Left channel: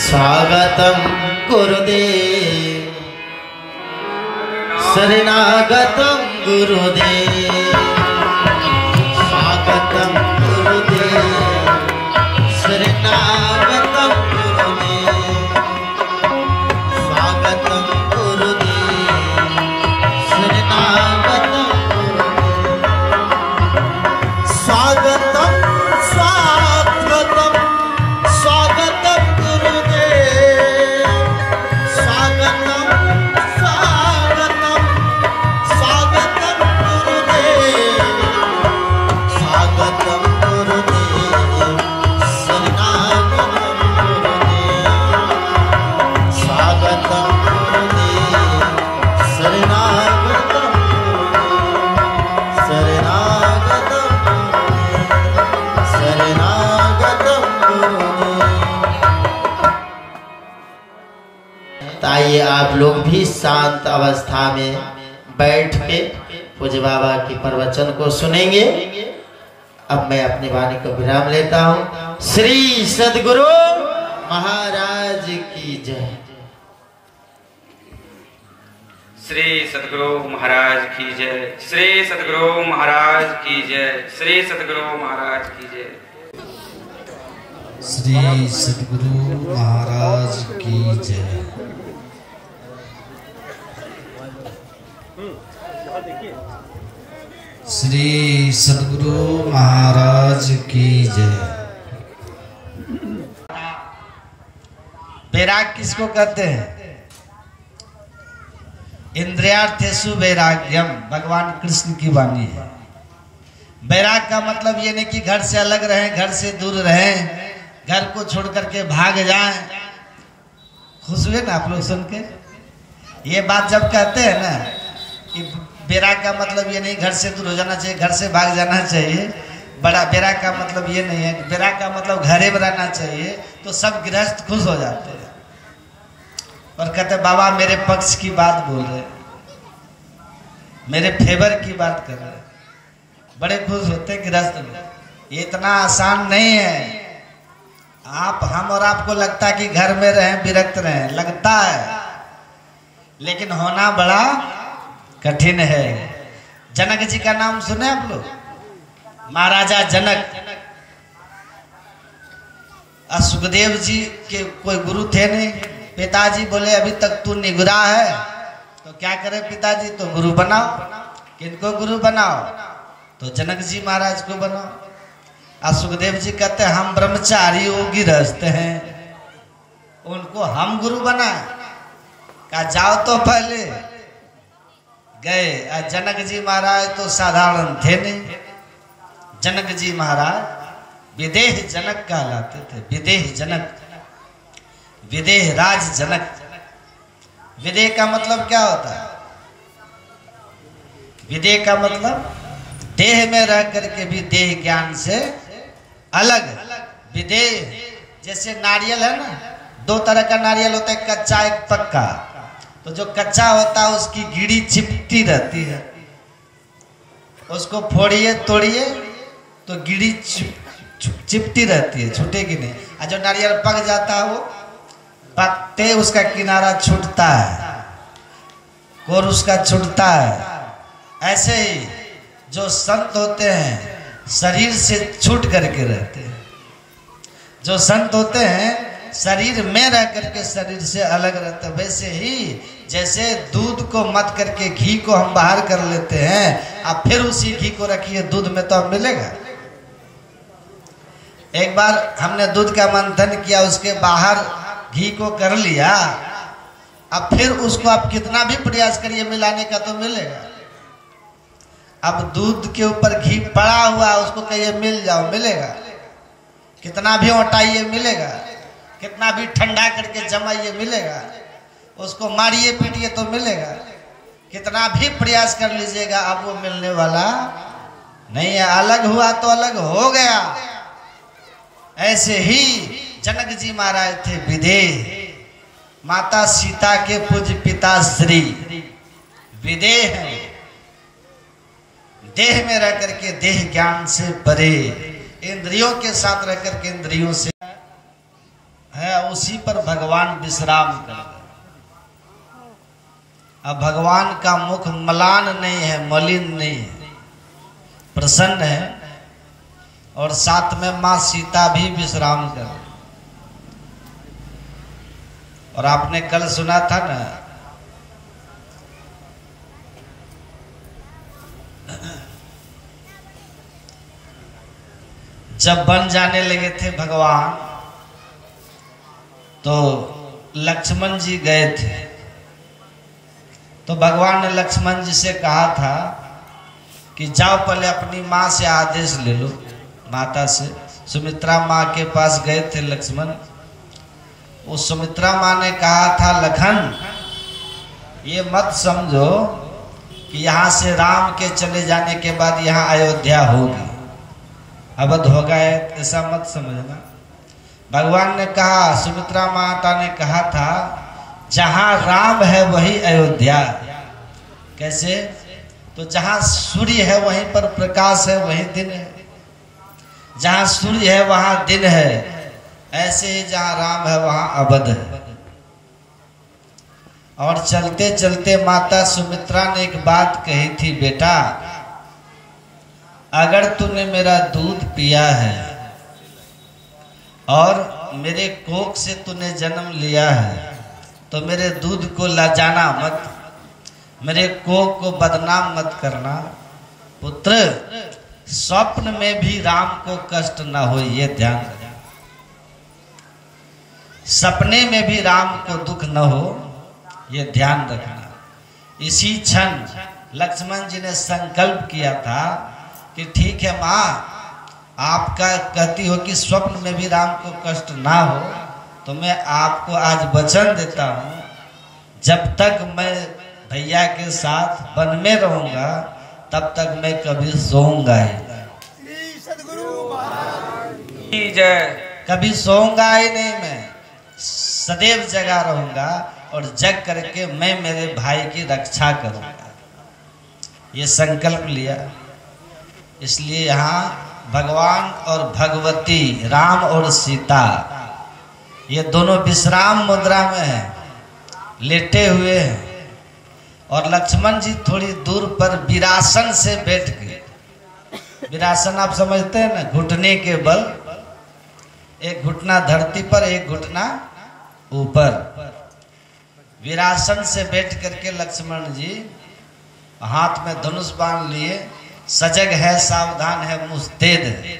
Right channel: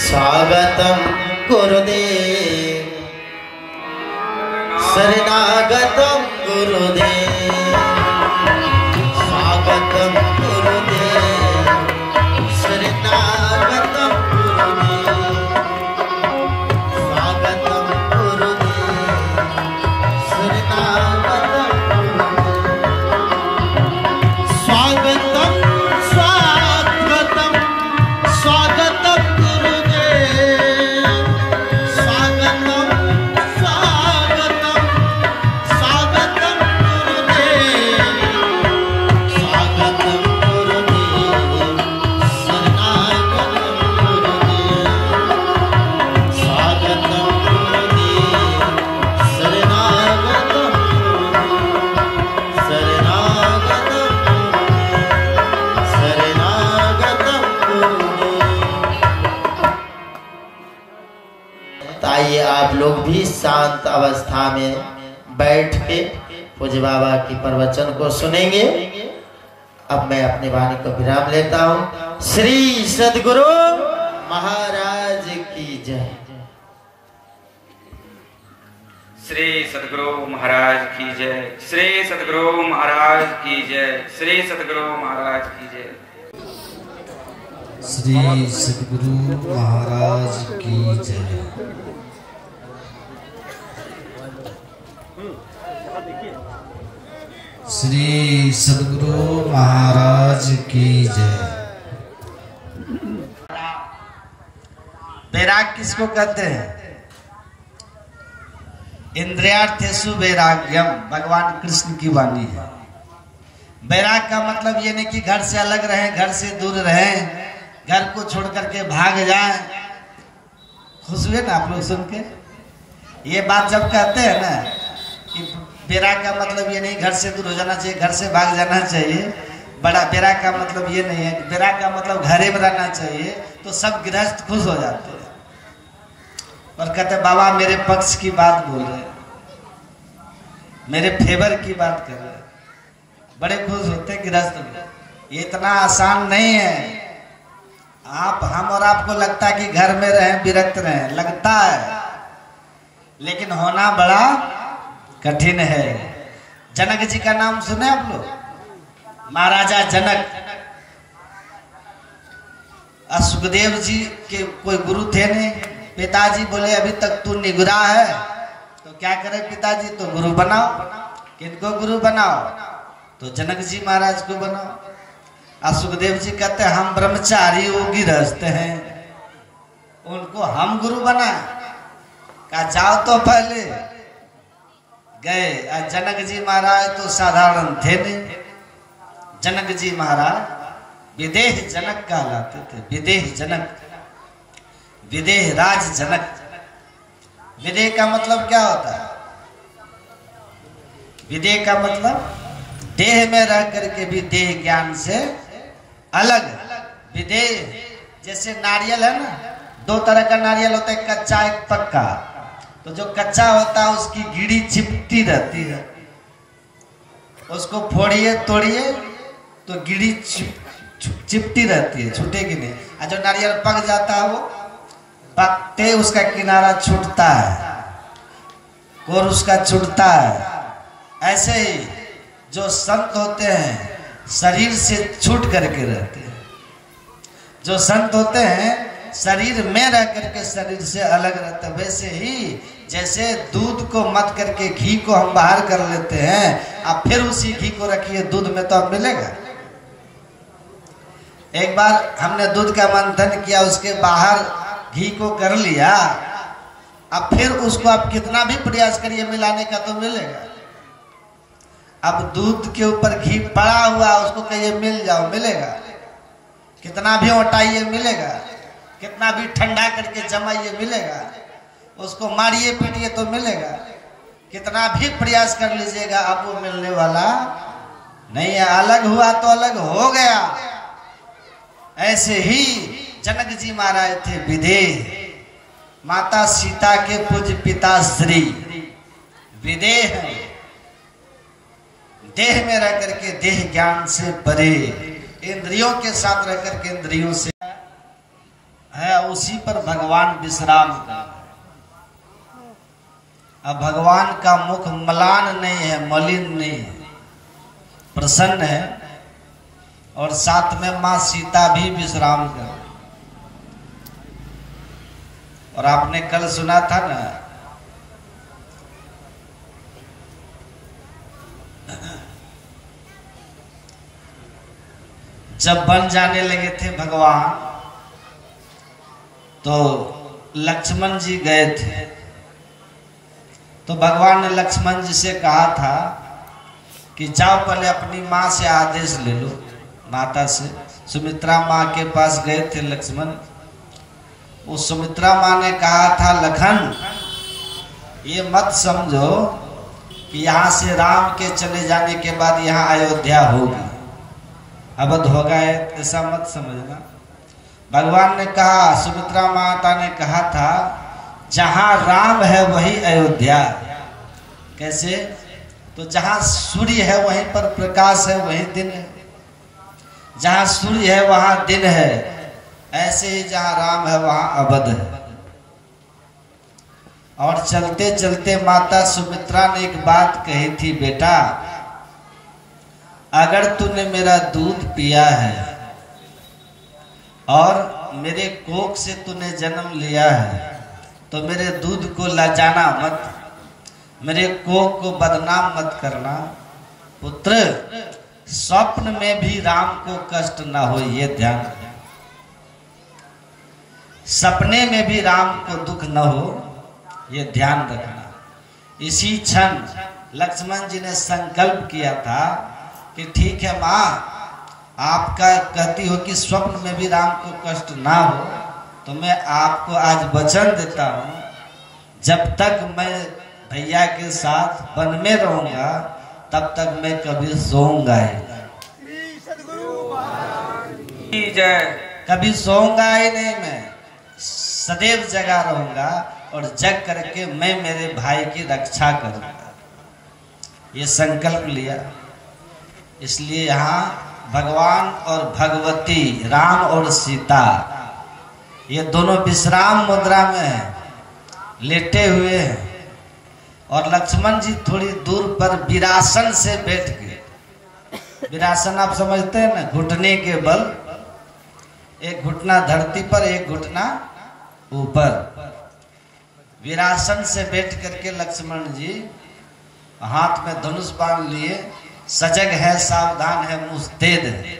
स्वागतं गुरुदेव शरणागतं गुरुदेव स्वागतं गुरुदेव शरणागतं गुरुदेव स्वागतं गुरुदेव शरणागतं गुरुदेव स्वागतं आइए आप लोग भी शांत अवस्था में बैठ के पूज्य बाबा की प्रवचन को सुनेंगे। अब मैं अपनी वाणी को विराम लेता हूँ। श्री सद्गुरु महाराज की जय। श्री सद्गुरु महाराज की जय। श्री सद्गुरु महाराज की जय। श्री सद्गुरु महाराज की जय। श्री सद्गुरु महाराज की जय। श्री सद्गुरु महाराज की जय। वैराग किसको कहते हैं? इंद्रियार्थेषु वैराग्यम भगवान कृष्ण की वाणी है। वैराग का मतलब ये नहीं कि घर से अलग रहें, घर से दूर रहें, घर को छोड़ करके भाग जाएं। खुश हुए ना आप लोग सुन के? ये बात जब कहते हैं ना कि वैराग का मतलब ये नहीं घर से दूर हो जाना चाहिए, घर से भाग जाना चाहिए। बड़ा वैराग का मतलब ये नहीं है। वैराग का मतलब घरे में रहना चाहिए। तो सब गृहस्थ खुश हो जाते हैं और कहते बाबा मेरे पक्ष की बात बोल रहे, मेरे फेवर की बात कर रहे, बड़े खुश होते गृहस्थ में। ये इतना आसान नहीं है। हम और आपको लगता है कि घर में रहें, विरक्त रहें, लगता है, लेकिन होना बड़ा कठिन है। जनक जी का नाम सुने आप लोग? महाराजा जनक। सुखदेव जी के कोई गुरु थे नहीं। पिताजी बोले अभी तक तू निगुरा है तो क्या करे पिताजी, तो गुरु बनाओ। किनको गुरु बनाओ? तो जनक जी महाराज को बनाओ। सुखदेव जी कहते हम ब्रह्मचारी योगी रहते हैं, उनको हम गुरु बना। कहा जाओ तो पहले गए। जनक जी महाराज तो साधारण थे नहीं। जनक जी महाराज विदेह जनक कहलाते थे। विदेह जनक, विदेह राज जनक। विदेह का मतलब क्या होता है? विदेह का मतलब देह में रह करके भी देह ज्ञान से अलग। विदेह जैसे नारियल है ना, दो तरह का नारियल होता है, कच्चा एक पक्का। तो जो कच्चा होता है उसकी गिड़ी चिपटी रहती है, उसको फोड़िए तोड़िए तो गिड़ी चिपटी रहती है, छूटेगी नहीं। और जो नारियल पक जाता है वो पकते उसका किनारा छूटता है, कोर उसका छूटता है। ऐसे ही जो संत होते हैं शरीर से छूट करके रहते हैं। जो संत होते हैं शरीर में रह करके शरीर से अलग रहते हैं। वैसे ही जैसे दूध को मत करके घी को हम बाहर कर लेते हैं, अब फिर उसी घी को रखिए दूध में तो अब मिलेगा। एक बार हमने दूध का मंथन किया, उसके बाहर घी को कर लिया, अब फिर उसको आप कितना भी प्रयास करिए मिलाने का तो मिलेगा। अब दूध के ऊपर घी पड़ा हुआ, उसको कहिए मिल जाओ, मिलेगा? कितना भी हटाइए मिलेगा, कितना भी ठंडा करके जमाइए मिलेगा, उसको मारिए पीटिए तो मिलेगा। कितना भी प्रयास कर लीजिएगा अब वो मिलने वाला नहीं है। अलग हुआ तो अलग हो गया। ऐसे ही जनक जी महाराज थे विदेह, माता सीता के पूज्य पिता श्री विदेह हैं। देह में रह करके देह ज्ञान से परे, इंद्रियों के साथ रह करके इंद्रियों से है उसी पर भगवान विश्राम कर। अब भगवान का मुख मलान नहीं है, मलिन नहीं है, प्रसन्न है। और साथ में मां सीता भी विश्राम कर। और आपने कल सुना था ना, जब बन जाने लगे थे भगवान, तो लक्ष्मण जी गए थे। तो भगवान ने लक्ष्मण जी से कहा था कि जाओ पहले अपनी माँ से आदेश ले लो, माता से। सुमित्रा माँ के पास गए थे लक्ष्मण। उस सुमित्रा माँ ने कहा था, लखन ये मत समझो कि यहाँ से राम के चले जाने के बाद यहाँ अयोध्या होगी, अवध होगा, ऐसा मत समझना। भगवान ने कहा, सुमित्रा माता ने कहा था, जहां राम है वही अयोध्या। कैसे? तो जहां सूर्य है वहीं पर प्रकाश है, वही दिन है। जहां सूर्य है वहां दिन है। ऐसे ही जहां राम है वहां अवध है। और चलते चलते माता सुमित्रा ने एक बात कही थी, बेटा अगर तूने मेरा दूध पिया है और मेरे कोख से तूने जन्म लिया है, तो मेरे दूध को लजाना मत, मेरे कोख को बदनाम मत करना। पुत्र, स्वप्न में भी राम को कष्ट ना हो, ये ध्यान रखना। सपने में भी राम को दुख न हो, ये ध्यान रखना। इसी क्षण लक्ष्मण जी ने संकल्प किया था कि ठीक है माँ, आपका कहती हो कि स्वप्न में भी राम को कष्ट ना हो, तो मैं आपको आज वचन देता हूँ, जब तक मैं भैया के साथ वन में रहूंगा तब तक मैं कभी सोऊंगा ही कभी सोऊंगा ही नहीं। मैं सदैव जगा रहूंगा और जग करके मैं मेरे भाई की रक्षा करूंगा, ये संकल्प लिया। इसलिए यहाँ भगवान और भगवती, राम और सीता, ये दोनों विश्राम मुद्रा में है, लेटे हुए हैं। और लक्ष्मण जी थोड़ी दूर पर वीरासन से बैठ गए। वीरासन आप समझते हैं ना, घुटने के बल, एक घुटना धरती पर, एक घुटना ऊपर। वीरासन से बैठ करके लक्ष्मण जी हाथ में धनुष बाण लिए, सजग है, सावधान है, मुस्तैद है,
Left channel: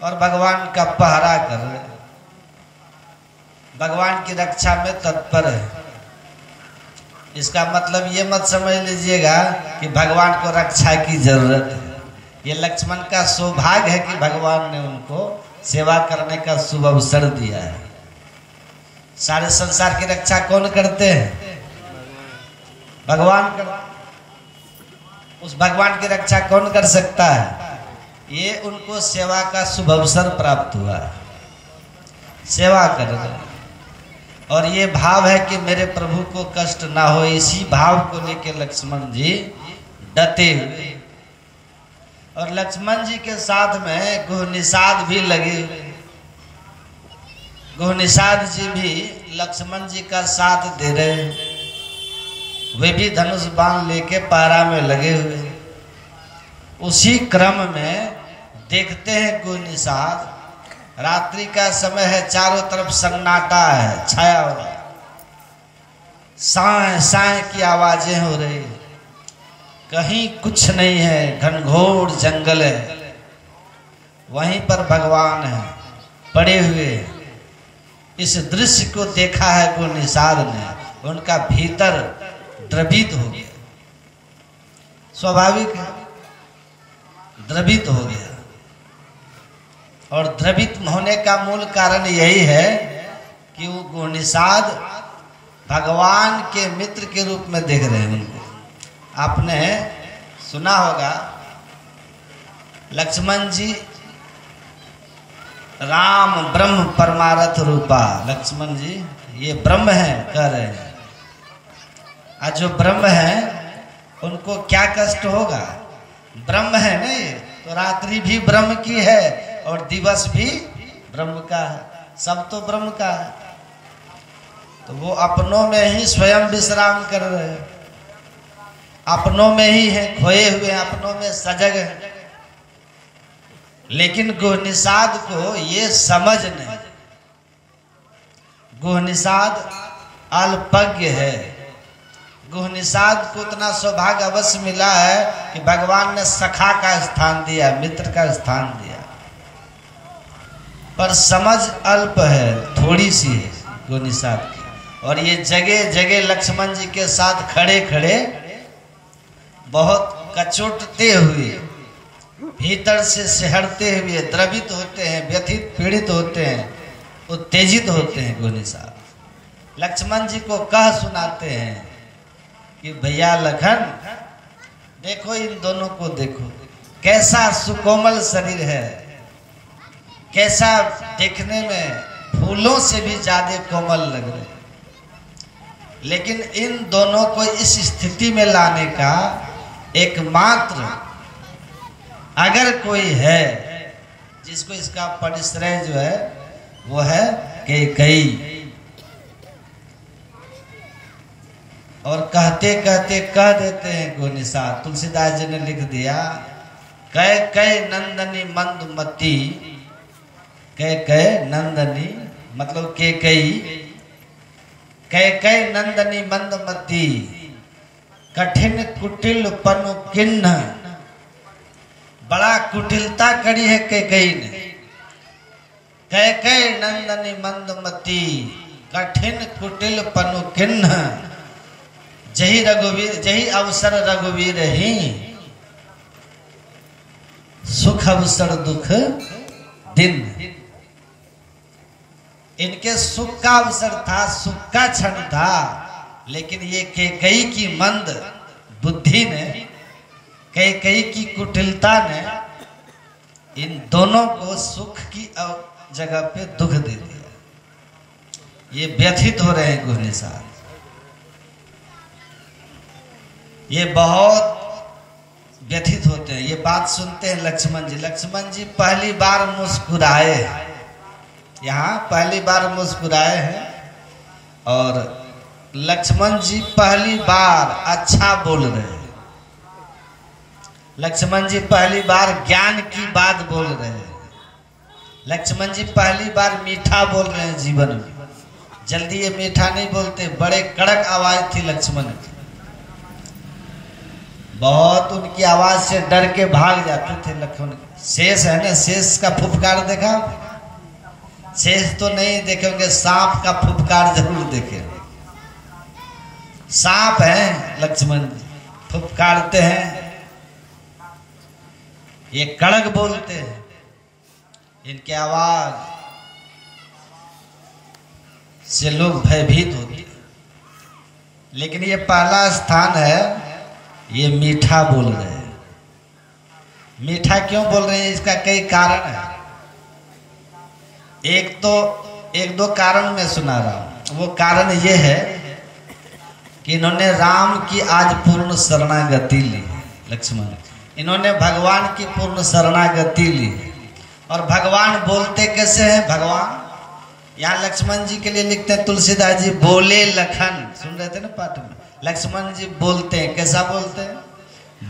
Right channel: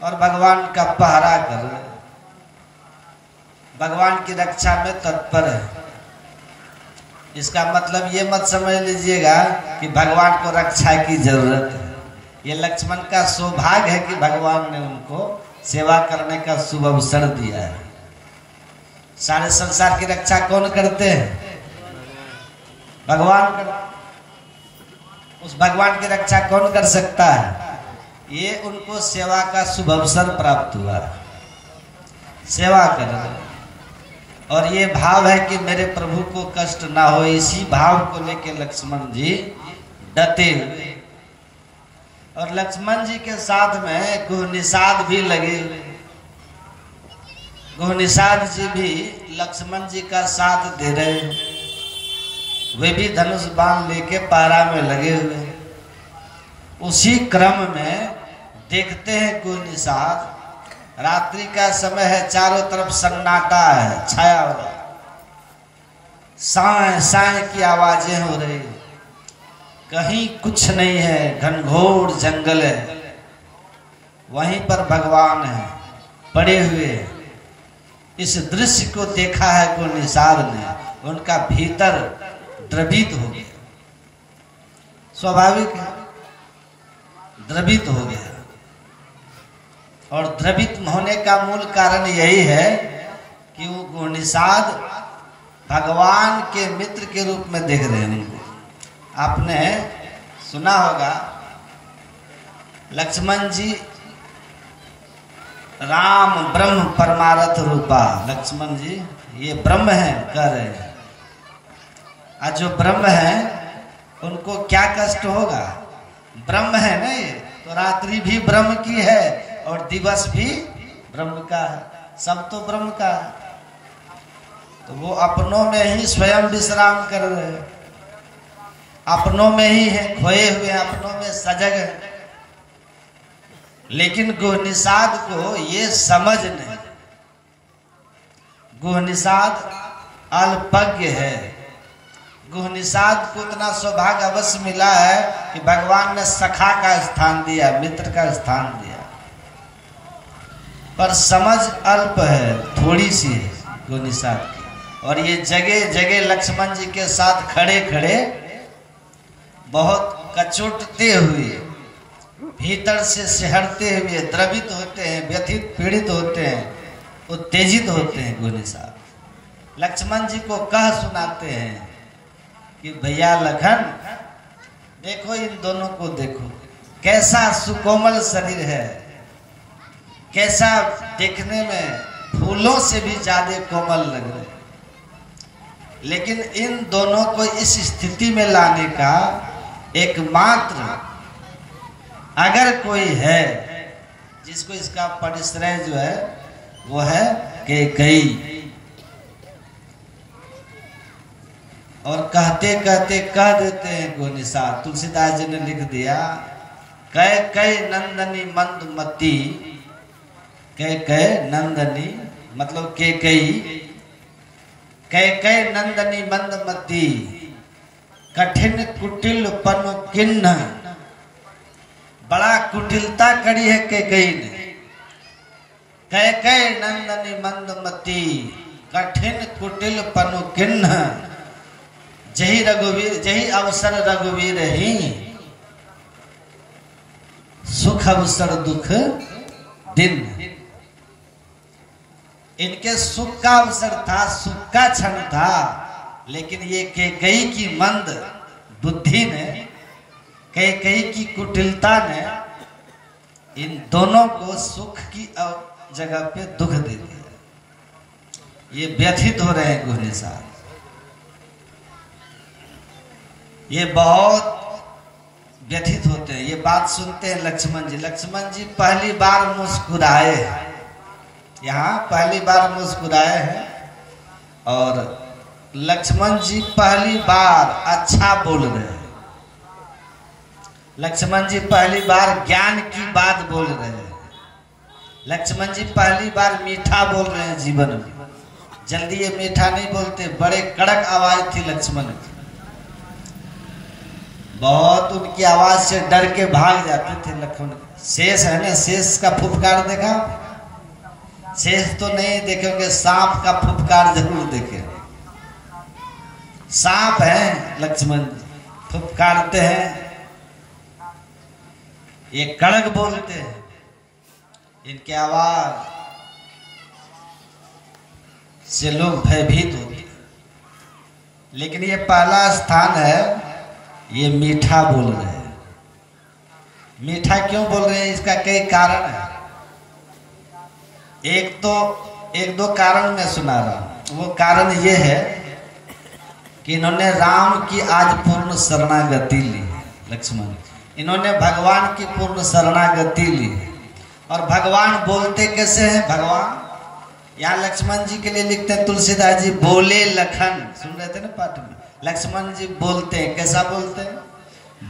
और भगवान का पहरा कर रहे, भगवान की रक्षा में तत्पर है। इसका मतलब ये मत समझ लीजिएगा कि भगवान को रक्षा की जरूरत है। ये लक्ष्मण का सौभाग्य है कि भगवान ने उनको सेवा करने का शुभ अवसर दिया है। सारे संसार की रक्षा कौन करते हैं? भगवान करते। उस भगवान की रक्षा कौन कर सकता है? ये उनको सेवा का शुभ अवसर प्राप्त हुआ, सेवा कर रहे। और ये भाव है कि मेरे प्रभु को कष्ट ना हो, इसी भाव को लेकर लक्ष्मण जी डटे हुए। और लक्ष्मण जी के साथ में गुहनिषाद भी लगे हुए। गुहनिषाद जी भी लक्ष्मण जी का साथ दे रहे, वे भी धनुष बाण लेके पारा में लगे हुए। उसी क्रम में देखते हैं गुहनिषाद, रात्रि का समय है, चारों तरफ सन्नाटा है, छाया हो रहा है, साय साय की आवाजें हो रही, कहीं कुछ नहीं है, घनघोर जंगल है। वहीं पर भगवान है पड़े हुए। इस दृश्य को देखा है गुहनिषाद ने, उनका भीतर द्रवित हो गया, स्वाभाविक है, द्रवित हो गया। और द्रवित होने का मूल कारण यही है कि वो गुहनिषाद भगवान के मित्र के रूप में देख रहे हैं। आपने सुना होगा, लक्ष्मण जी राम ब्रह्म परमारथ रूपा, लक्ष्मण जी ये ब्रह्म है कह रहे हैं। आज जो ब्रह्म है उनको क्या कष्ट होगा? ब्रह्म है नहीं तो रात्रि भी ब्रह्म की है और दिवस भी ब्रह्म का है, सब तो ब्रह्म का है। तो वो अपनों में ही स्वयं विश्राम कर रहे हैं, अपनों में ही है, खोए हुए अपनों में सजग है। लेकिन गुहनिषाद को ये समझ नहीं, गुहनिषाद अल्पज्ञ है। गुहनिषाद को इतना सौभाग्य अवश्य मिला है कि भगवान ने सखा का स्थान दिया, मित्र का स्थान दिया, पर समझ अल्प है, थोड़ी सी है गुहनिषाद की। और ये जगह जगह लक्ष्मण जी के साथ खड़े खड़े बहुत कचोटते हुए, भीतर से सिहरते हुए, द्रवित होते हैं, व्यथित पीड़ित होते हैं, उत्तेजित होते हैं। गुहनिषाद लक्ष्मण जी को कह सुनाते हैं कि भैया लखन देखो, इन दोनों को देखो, कैसा सुकोमल शरीर है, कैसा देखने में फूलों से भी ज्यादा कोमल लग रहे, लेकिन इन दोनों को इस स्थिति में लाने का एकमात्र अगर कोई है जिसको इसका परिश्रय जो है वो है कैकेयी। और कहते कहते कह देते हैं गुहनिषाद, तुलसीदास जी ने लिख दिया, कैकेयी नंदनी मंदमती, कैकेयी नंदनी मतलब कैकेयी, कैकेयी नंदनी मंदमती, कठिन कुटिल पनु किन्ह। बड़ा कुटिलता करी है कैकेयी ने। कैकेयी नंदनी मंदमती, कठिन कुटिल पनु किन्ह। जही रघुवीर, जही अवसर रघुवीर ही, सुख अवसर दुख दिन। इनके सुख का अवसर था, सुख का क्षण था, लेकिन ये कैकेयी की मंद बुद्धि ने, कैकेयी की कुटिलता ने इन दोनों को सुख की जगह पे दुख दे दिया। ये व्यथित हो रहे हैं गुहनिषाद, ये बहुत व्यथित होते हैं। ये बात सुनते हैं लक्ष्मण जी। लक्ष्मण जी पहली बार मुस्कुराए हैं, यहाँ पहली बार मुस्कुराए हैं, और लक्ष्मण जी पहली बार अच्छा बोल रहे हैं। लक्ष्मण जी पहली बार ज्ञान की बात बोल रहे हैं। लक्ष्मण जी पहली बार मीठा बोल रहे हैं जीवन में। जल्दी ये मीठा नहीं बोलते, बड़े कड़क आवाज थी लक्ष्मण की, बहुत उनकी आवाज से डर के भाग जाते थे लक्ष्मण। शेष है ना, शेष का फुफकार देखा? शेष तो नहीं देखेंगे, सांप का फुफकार जरूर देखे। सांप है लक्ष्मण जी, फुफकारते हैं, ये कड़क बोलते हैं, इनकी आवाज से लोग भयभीत होते हैं। लेकिन ये पहला स्थान है, ये मीठा बोल रहे हैं। मीठा क्यों बोल रहे हैं, इसका कई कारण है। एक दो कारण मैं सुना रहा हूं। वो कारण ये है कि इन्होंने राम की आज पूर्ण शरणागति ली है। लक्ष्मण इन्होंने भगवान की पूर्ण शरणागति ली है। और भगवान बोलते कैसे हैं? भगवान यहाँ लक्ष्मण जी के लिए लिखते हैं तुलसीदास जी, बोले लखन, सुन रहे थे ना पाठ में, लक्ष्मण जी बोलते हैं, कैसा बोलते हैं?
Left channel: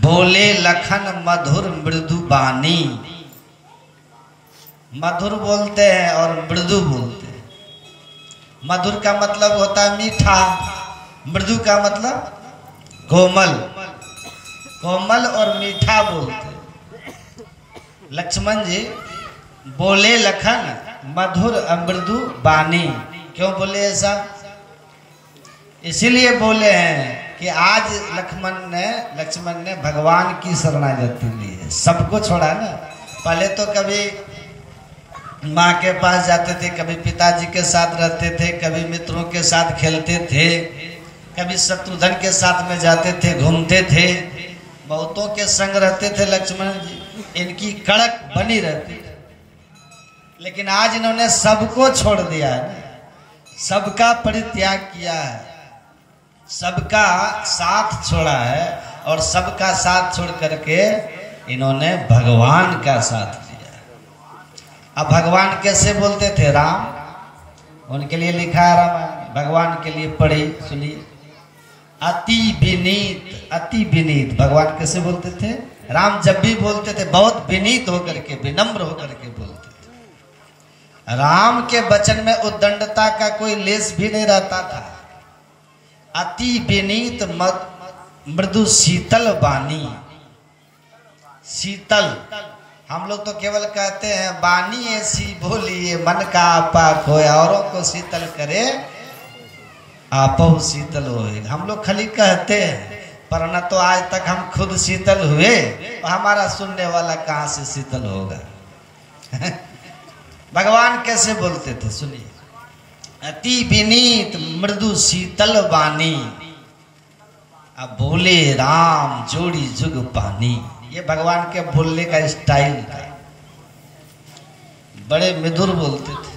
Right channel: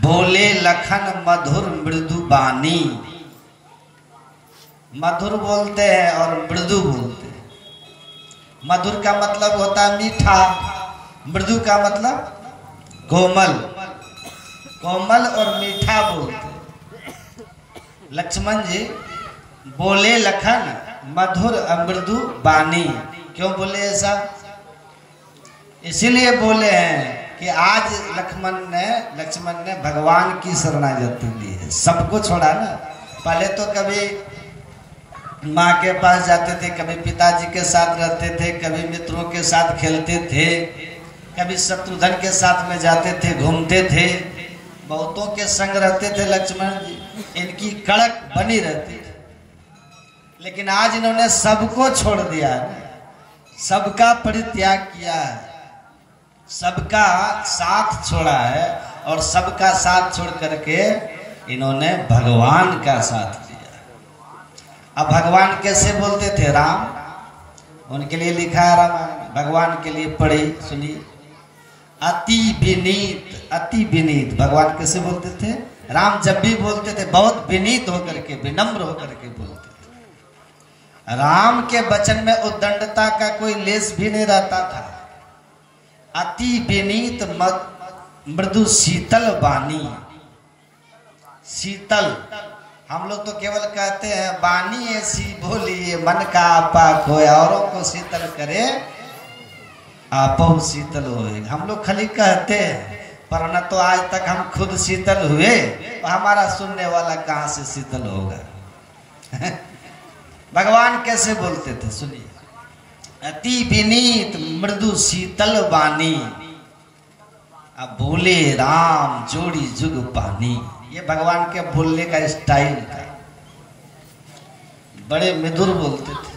बोले लखन मधुर मृदु बानी। मधुर बोलते हैं और मृदु बोलते हैं। मधुर का मतलब होता है मीठा, मृदु का मतलब कोमल। कोमल और मीठा बोलते हैं। लक्ष्मण जी बोले लखन मधुर मृदु बानी। क्यों बोले ऐसा? इसीलिए बोले हैं कि आज लक्ष्मण ने भगवान की शरणागति ली है। सबको छोड़ा ना। पहले तो कभी माँ के पास जाते थे, कभी पिताजी के साथ रहते थे, कभी मित्रों के साथ खेलते थे, कभी शत्रुघ्न के साथ में जाते थे, घूमते थे, बहुतों के संग रहते थे लक्ष्मण जी। इनकी कड़क बनी रहती थी। लेकिन आज इन्होंने सबको छोड़ दिया है, सबका परित्याग किया है, सबका साथ छोड़ा है, और सबका साथ छोड़ करके इन्होंने भगवान का साथ लिया। अब भगवान कैसे बोलते थे? राम उनके लिए लिखा है रामायण, भगवान के लिए पढ़ी सुनिए। अति विनीत, अति विनीत भगवान कैसे बोलते थे? राम जब भी बोलते थे बहुत विनीत होकर के, विनम्र होकर के बोलते थे। राम के वचन में उद्दंडता का कोई लेस भी नहीं रहता था। अति विनीत मृदु शीतल वाणी। शीतल, हम लोग तो केवल कहते हैं वाणी ऐसी बोली मन का आपा खोए, औरों को शीतल करे आपो शीतल होए। हम लोग खाली कहते हैं, पर न तो आज तक हम खुद शीतल हुए, तो हमारा सुनने वाला कहाँ से शीतल होगा? भगवान कैसे बोलते थे सुनिए। अति विनीत मृदु शीतल वाणी, अब बोले राम जोड़ी जुग पानी। ये भगवान के बोलने का स्टाइल था, बड़े मधुर बोलते थे।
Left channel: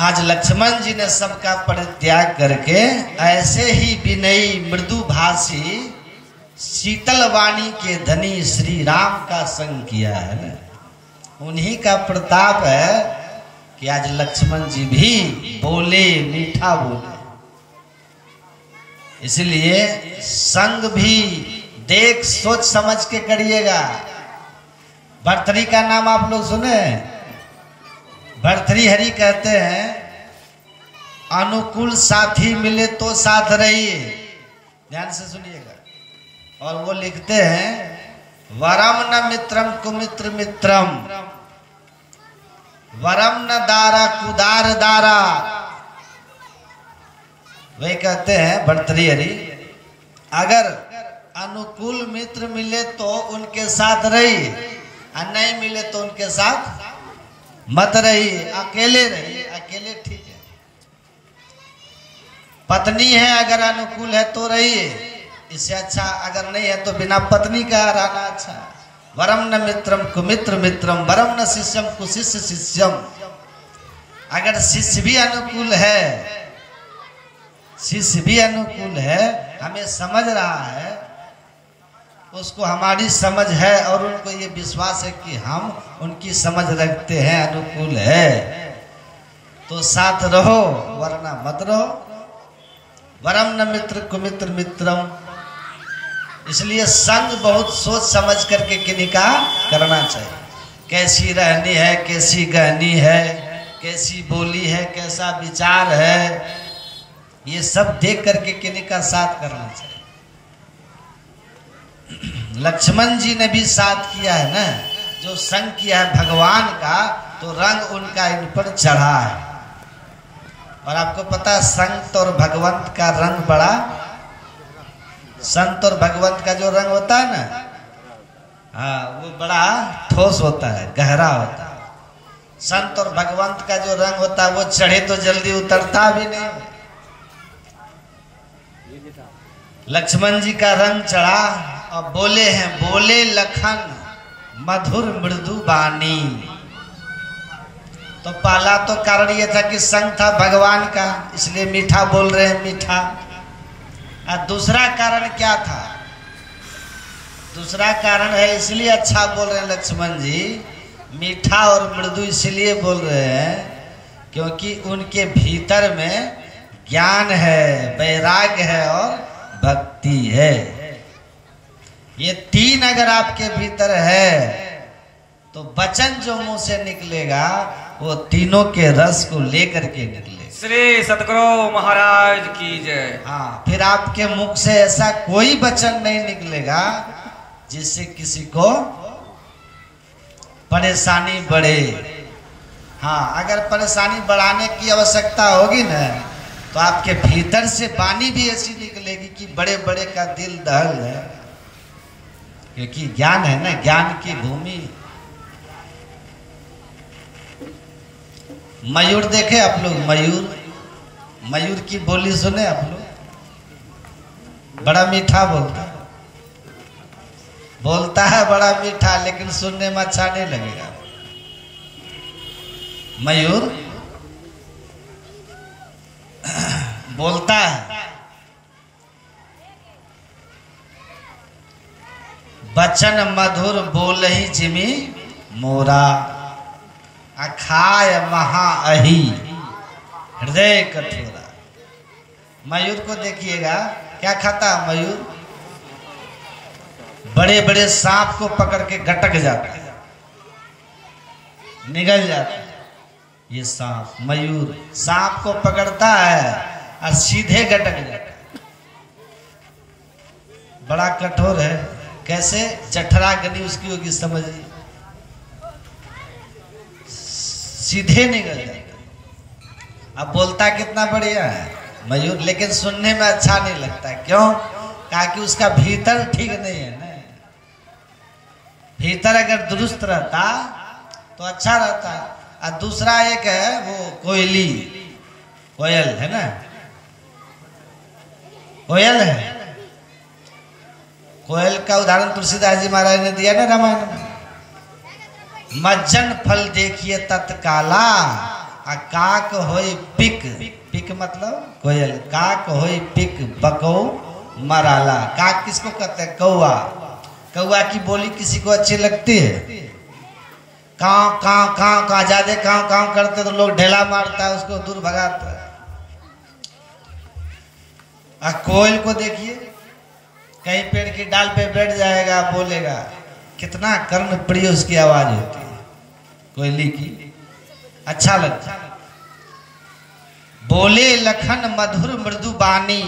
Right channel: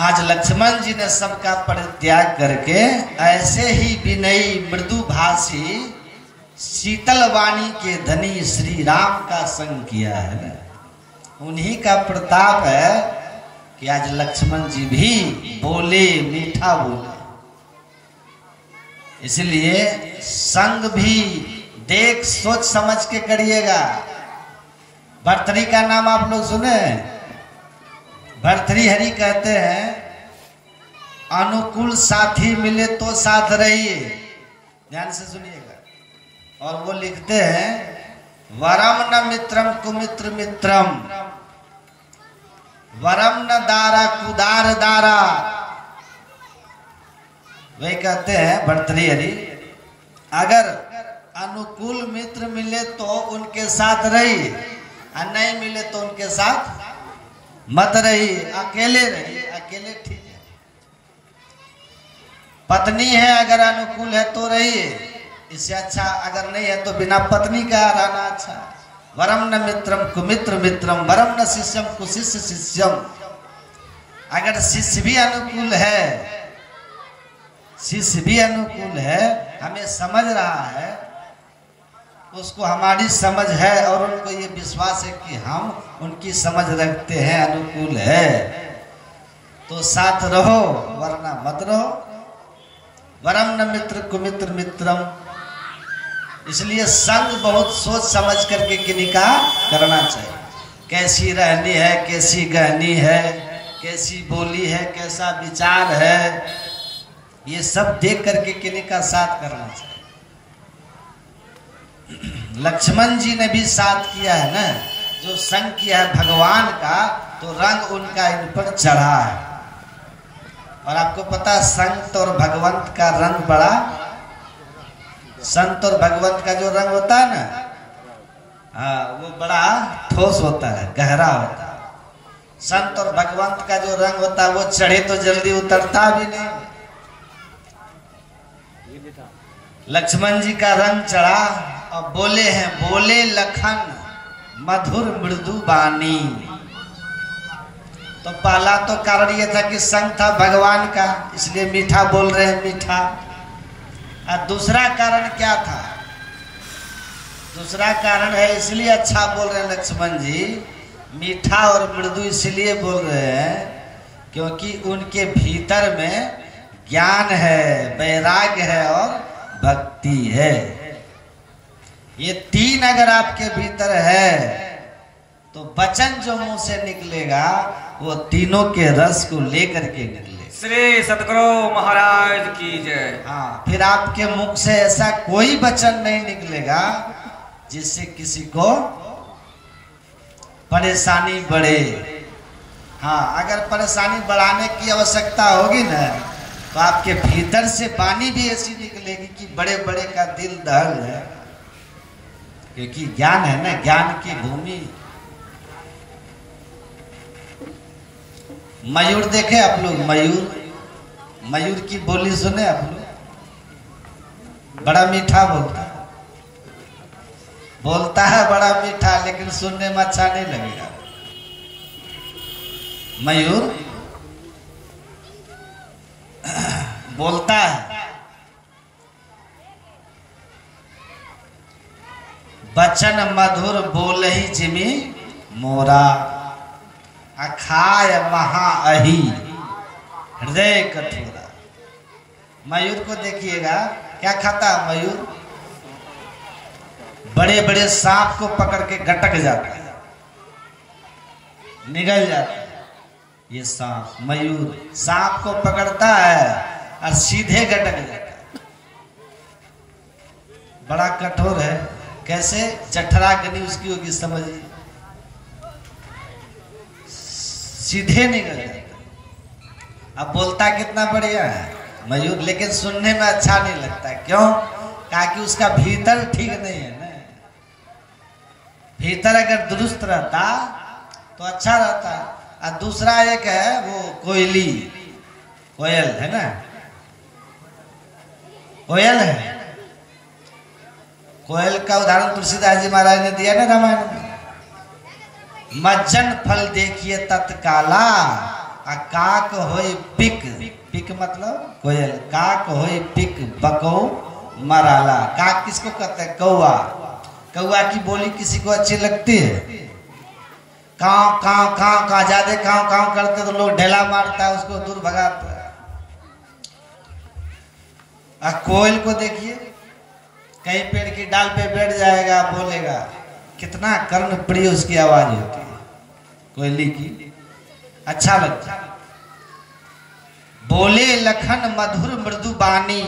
आज लक्ष्मण जी ने सबका परित्याग करके ऐसे ही विनयी मृदु भाषी शीतल वाणी के धनी श्री राम का संग किया है। उन्हीं का प्रताप है कि आज लक्ष्मण जी भी बोले, मीठा बोले। इसलिए संग भी देख सोच समझ के करिएगा। भर्तृहरि का नाम आप लोग सुने? भर्तृहरि कहते हैं अनुकूल साथी मिले तो साथ रहिए। ध्यान से सुनिएगा। और वो लिखते हैं वरम न मित्रम कुमित्र मित्रम, वरम न दारा कुदार दारा। वही कहते हैं भर्तृहरि, अगर अनुकूल मित्र मिले तो उनके साथ रहिए, और नहीं मिले तो उनके साथ मत रहिए, अकेले रहिए। अकेले ठीक है। पत्नी है अगर अनुकूल है तो रहिए, इससे अच्छा अगर नहीं है तो बिना पत्नी का रहना अच्छा। वरम न मित्रम कुमित्र मित्रम, वरम न शिष्यम कुशिष्य शिष्यम। अगर शिष्य भी अनुकूल है, शिष्य भी अनुकूल है, हमें समझ रहा है, उसको हमारी समझ है और उनको ये विश्वास है कि हम उनकी समझ रखते हैं, अनुकूल है, तो साथ रहो, वरना मत रहो। वरम न मित्र कुमित्र मित्रम। इसलिए संग बहुत सोच समझ करके किन्हीं का करना चाहिए। कैसी रहनी है, कैसी गहनी है, कैसी बोली है, कैसा विचार है, ये सब देख करके किन्हीं का साथ करना चाहिए। लक्ष्मण जी ने भी साथ किया है ना, जो संग किया है भगवान का, तो रंग उनका इन पर चढ़ा है। और आपको पता है संत और भगवंत का रंग बड़ा, संत और भगवंत का जो रंग होता है ना, हाँ, वो बड़ा ठोस होता है, गहरा होता है। संत और भगवंत का जो रंग होता है वो चढ़े तो जल्दी उतरता भी नहीं। लक्ष्मण जी का रंग चढ़ा और बोले हैं, बोले लखन मधुर मृदु वाणी। तो पहला तो कारण ये था कि संग था भगवान का, इसलिए मीठा बोल रहे हैं, मीठा। और दूसरा कारण क्या था? दूसरा कारण है इसलिए अच्छा बोल रहे हैं लक्ष्मण जी, मीठा और मृदु इसलिए बोल रहे हैं क्योंकि उनके भीतर में ज्ञान है, वैराग्य है और भक्ति है। ये तीन अगर आपके भीतर है तो वचन जो मुंह से निकलेगा वो तीनों के रस को लेकर के निकलेगा। श्री सतगुरु महाराज की जय। हाँ, फिर आपके मुख से ऐसा कोई वचन नहीं निकलेगा जिससे किसी को परेशानी बढ़े। हाँ, अगर परेशानी बढ़ाने की आवश्यकता होगी ना, तो आपके भीतर से वाणी भी ऐसी निकलेगी कि बड़े बड़े का दिल दहल है, क्योंकि ज्ञान है ना, ज्ञान की भूमि। मयूर देखे आप लोग? मयूर, मयूर की बोली सुने आप लोग? बड़ा मीठा बोलता है, बोलता है बड़ा मीठा, लेकिन सुनने में अच्छा नहीं लगेगा। मयूर बोलता है, वचन मधुर बोल ही जिमी मोरा अखाय महा अही हृदय कठोरा। मयूर को देखिएगा, क्या खाता है मयूर? बड़े बड़े सांप को पकड़ के गटक जाता है, निगल जाता है। ये सांप, मयूर सांप को पकड़ता है और सीधे गटक जाता है। बड़ा कठोर है। कैसे? चठरा गनी उसकी होगी, समझिए, सीधे निकल जाता। अब बोलता कितना बढ़िया है मयूर, लेकिन सुनने में अच्छा नहीं लगता। क्यों? क्योंकि उसका भीतर ठीक नहीं है ना। भीतर अगर दुरुस्त रहता तो अच्छा रहता। और दूसरा एक है वो कोयली, कोयल है ना, कोयल है। कोयल का उदाहरण तुलसीदास जी महाराज ने दिया ना रामायण में। मज्जन फल देखिए तत्काला, काक होई पिक, पिक मतलब कोयल, काक होई पिक बको मराला। काक किसको कहते हैं? कौआ। कौआ की बोली किसी को अच्छी लगती है? काव काव काव काव, ज्यादा काव काव करते तो लोग ढेला मारता है, उसको दूर भगाता है। कोयल को देखिए, कहीं पेड़ की डाल पे बैठ जाएगा, बोलेगा, कितना कर्ण प्रिय उसकी आवाज होती है कोयली की, अच्छा लगता है। बोले लखन मधुर मृदु बानी,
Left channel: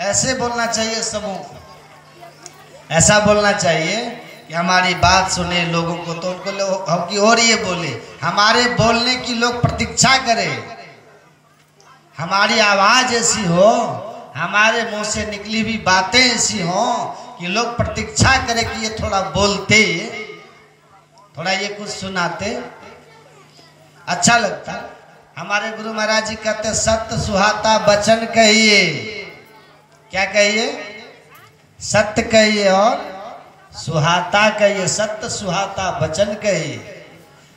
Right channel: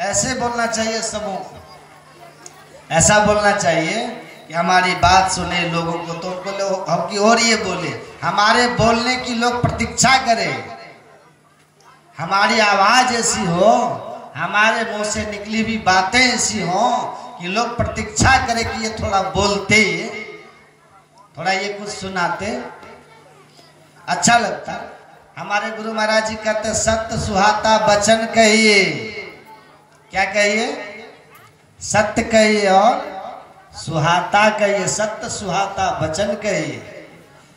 ऐसे बोलना चाहिए समूह को। ऐसा बोलना चाहिए कि हमारी बात सुने लोगों को, तो उनको लोग की और ये बोले, हमारे बोलने की लोग प्रतीक्षा करें, हमारी आवाज ऐसी हो, हमारे मुंह से निकली हुई बातें ऐसी हो कि लोग प्रतीक्षा करें कि ये थोड़ा बोलते, थोड़ा ये कुछ सुनाते, अच्छा लगता। हमारे गुरु महाराज जी कहते सत्य सुहाता वचन कहिए। क्या कहिए? सत्य कहिए और सुहाता कहिए। सत्य सुहाता वचन कहिए,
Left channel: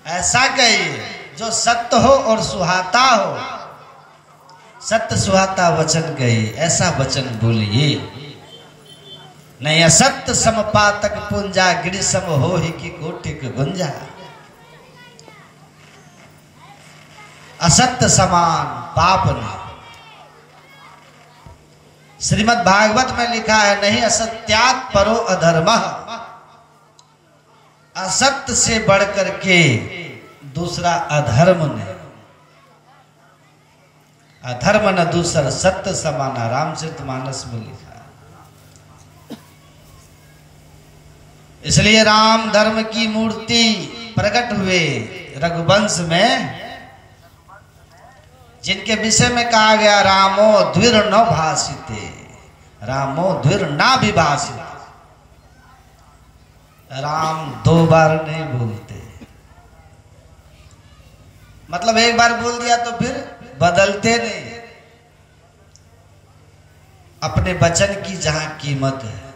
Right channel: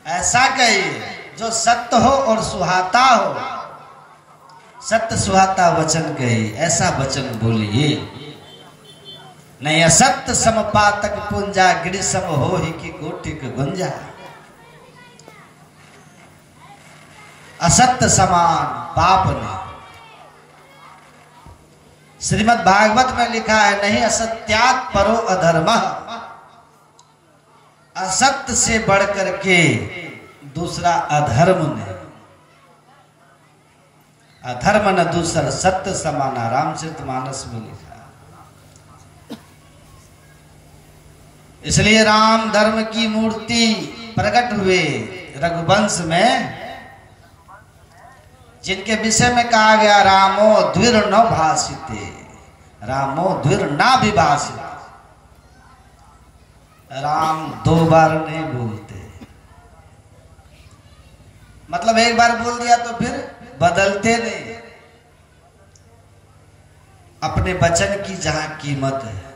ऐसा कहिए जो सत्य हो और सुहाता हो। सत्य सुहाता वचन कहिए, ऐसा वचन बोलिए। नहीं असत्य समपातक पुंजा, गिरि सम हो ही की कोटिक गुंजा। असत्य समान पाप नहीं। श्रीमद् भागवत में लिखा है, नहीं असत्यात् परो अधर्म। असत्य से बढ़कर के दूसरा अधर्म नहीं। अधर्म न दूसरा सत्य समाना, रामचरितमानस में लिखा। इसलिए राम धर्म की मूर्ति प्रकट हुए रघुवंश में, जिनके विषय में कहा गया रामो द्विर न भाषिते, रामो द्विर ना विभाषित। राम दो बार नहीं बोलते, मतलब एक बार बोल दिया तो फिर बदलते नहीं। अपने वचन की जहां कीमत है,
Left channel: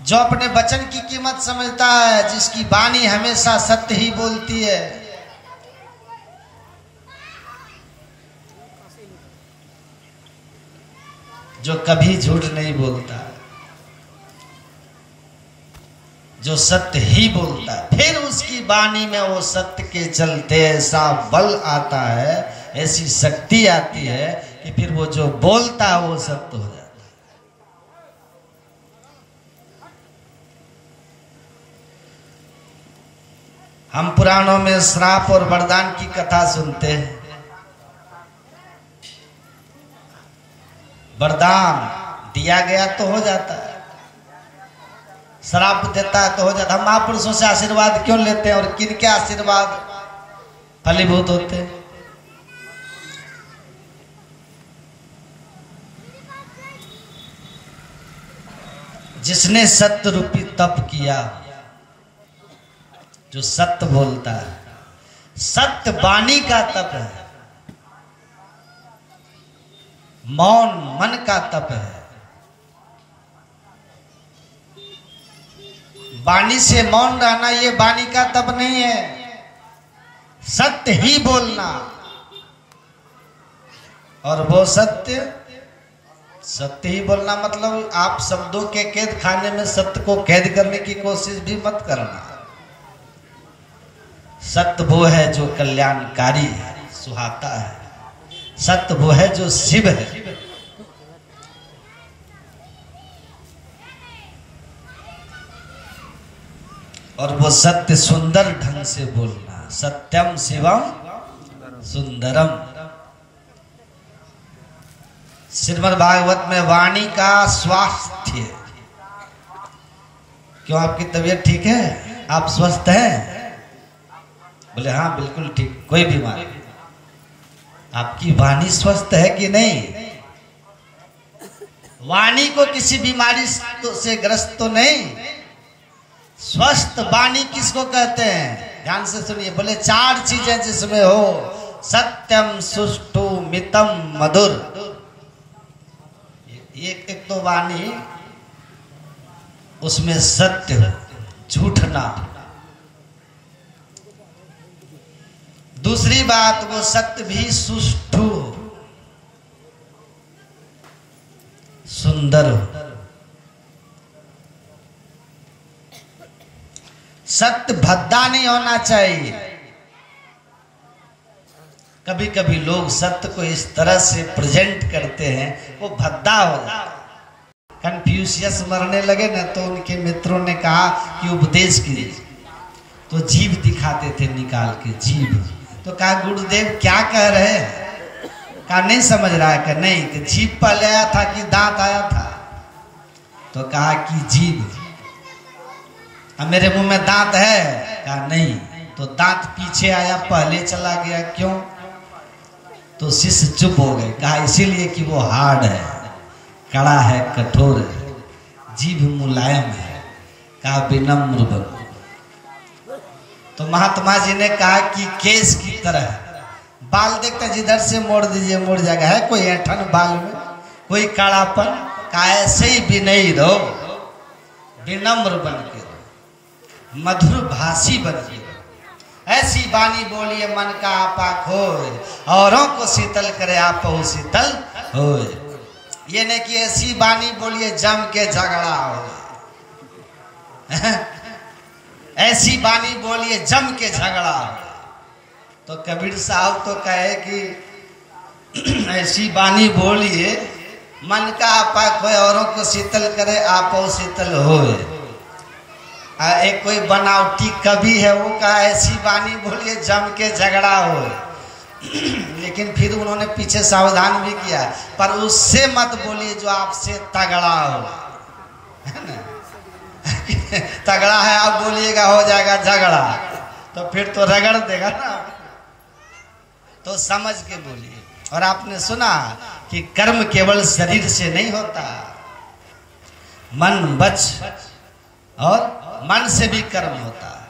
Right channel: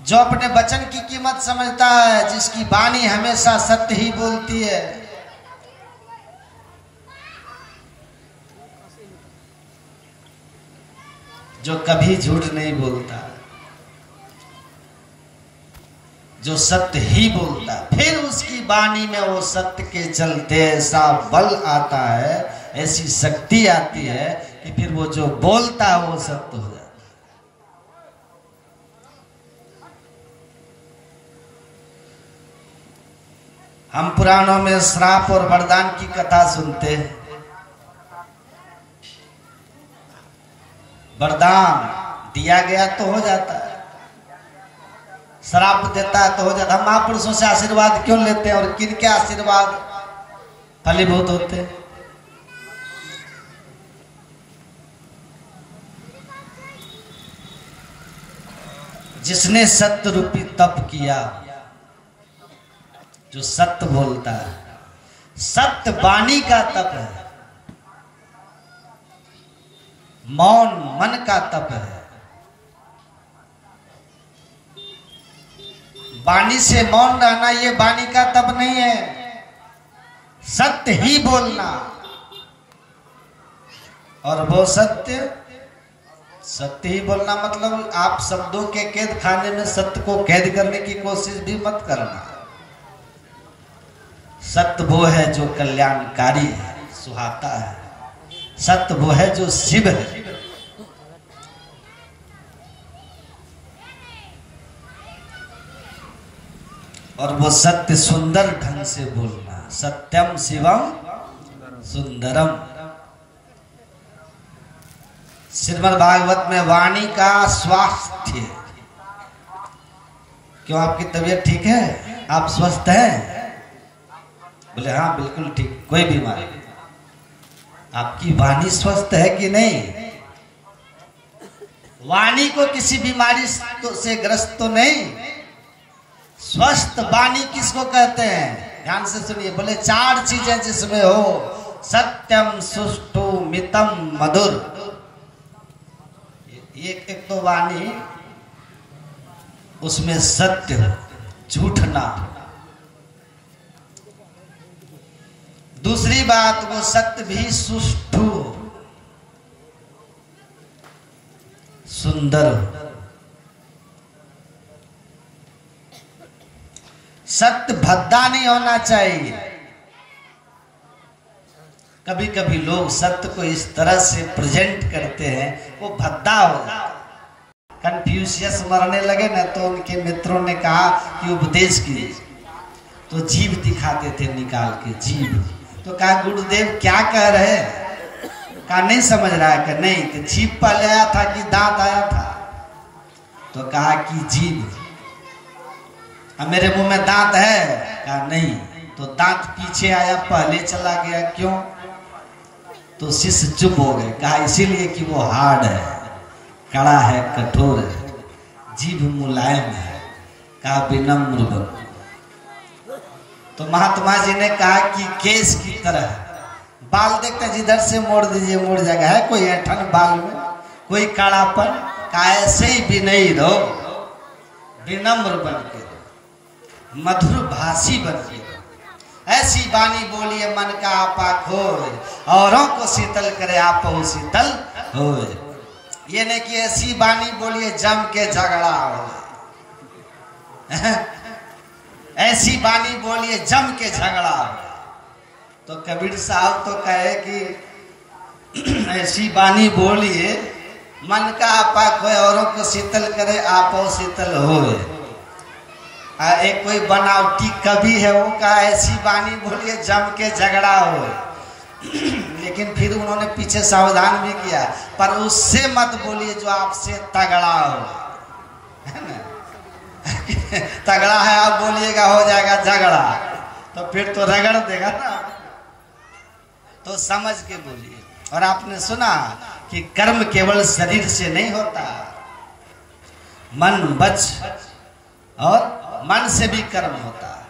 जो अपने वचन की कीमत समझता है, जिसकी वाणी हमेशा सत्य ही बोलती है, जो कभी झूठ नहीं बोलता, जो सत्य ही बोलता, फिर उसकी वाणी में वो सत्य के चलते ऐसा बल आता है, ऐसी शक्ति आती है कि फिर वो जो बोलता है वो सत्य हो जाता है। हम पुराणों में श्राप और वरदान की कथा सुनते हैं। वरदान दिया गया तो हो जाता है, श्राप देता है तो हो जाता है। हम महापुरुषों से आशीर्वाद क्यों लेते हैं और किनके आशीर्वाद फलीभूत होते हैं? जिसने सत्य रूपी तप किया, जो सत्य बोलता है, सत्य वाणी का तप है, मौन मन का तप है। वाणी से मौन रहना ये वाणी का तप नहीं है, सत्य ही बोलना। और वो सत्य सत्य ही बोलना मतलब आप शब्दों के कैद खाने में सत्य को कैद करने की कोशिश भी मत करना। सत्य वो है जो कल्याणकारी है, सुहाता है। सत्य वो है जो शिव है। और वो सत्य सुंदर ढंग से बोलना। सत्यम शिवम सुंदरम। श्रीमद् भागवत में वाणी का स्वास्थ्य। क्यों, आपकी तबीयत ठीक है? आप स्वस्थ हैं? बोले हाँ बिल्कुल ठीक, कोई बीमारी नहीं। आपकी वाणी स्वस्थ है कि नहीं? वाणी को किसी बीमारी से ग्रस्त तो नहीं। स्वस्थ वाणी किसको कहते हैं? ध्यान से सुनिए। बोले 4 चीजें जिसमें हो, सत्यम सुष्ठु मितम मधुर। एक तो वाणी, उसमें सत्य हो, झूठ ना हो। दूसरी बात, वो सत्य भी सुष्ठु हो, सुंदर हो। सत्य भद्दा नहीं होना चाहिए। कभी कभी लोग सत्य को इस तरह से प्रेजेंट करते हैं, वो भद्दा हो जाता। कन्फ्यूशियस मरने लगे ना, तो उनके मित्रों ने कहा कि उपदेश कीजिए, तो जीभ दिखाते थे निकाल के, जीभ। तो कहा गुरुदेव क्या कह रहे हैं? कहा नहीं समझ रहा है? कि नहीं, कि जीभ पहले आया था कि दांत आया था? तो कहा कि जीभ। अब मेरे मुंह में दांत है? कहा नहीं। तो दांत पीछे आया, पहले चला गया, क्यों? तो शिष्य चुप हो गए। कहा इसीलिए कि वो हार्ड है, कड़ा है, कठोर है, जीभ मुलायम है। कहा विनम्र बनो। तो महात्मा जी ने कहा कि केस की तरह बाल देखते जिधर से मोड़ दीजिए मोड़ जाएगा। है कोई ऐंठन बाल में, कोई कड़ापन? कहा ऐसे ही विनयी रहो, विनम्र बन के रहो, मधुर भाषी बन के रहो। ऐसी वाणी बोलिए मन का आपा खोए, औरों को शीतल करे आपो शीतल होए। ये नहीं कि ऐसी वाणी बोलिए जम के झगड़ा हो। ऐसी वाणी बोलिए जम के झगड़ा हो। तो कबीर साहब तो कहे कि ऐसी वाणी बोलिए मन का आपा खोए, औरों को शीतल करे आपो शीतल होए। एक कोई बनावटी कवि है, वो का ऐसी वाणी बोलिए जम के झगड़ा हो। लेकिन फिर उन्होंने पीछे सावधान भी किया, पर उससे मत बोलिए जो आपसे तगड़ा हो, है ना? तगड़ा है आप बोलिएगा हो जाएगा झगड़ा, तो फिर तो रगड़ देगा ना। तो समझ के बोलिए। और आपने सुना कि कर्म केवल शरीर से नहीं होता, मन वच और मन से भी कर्म होता है,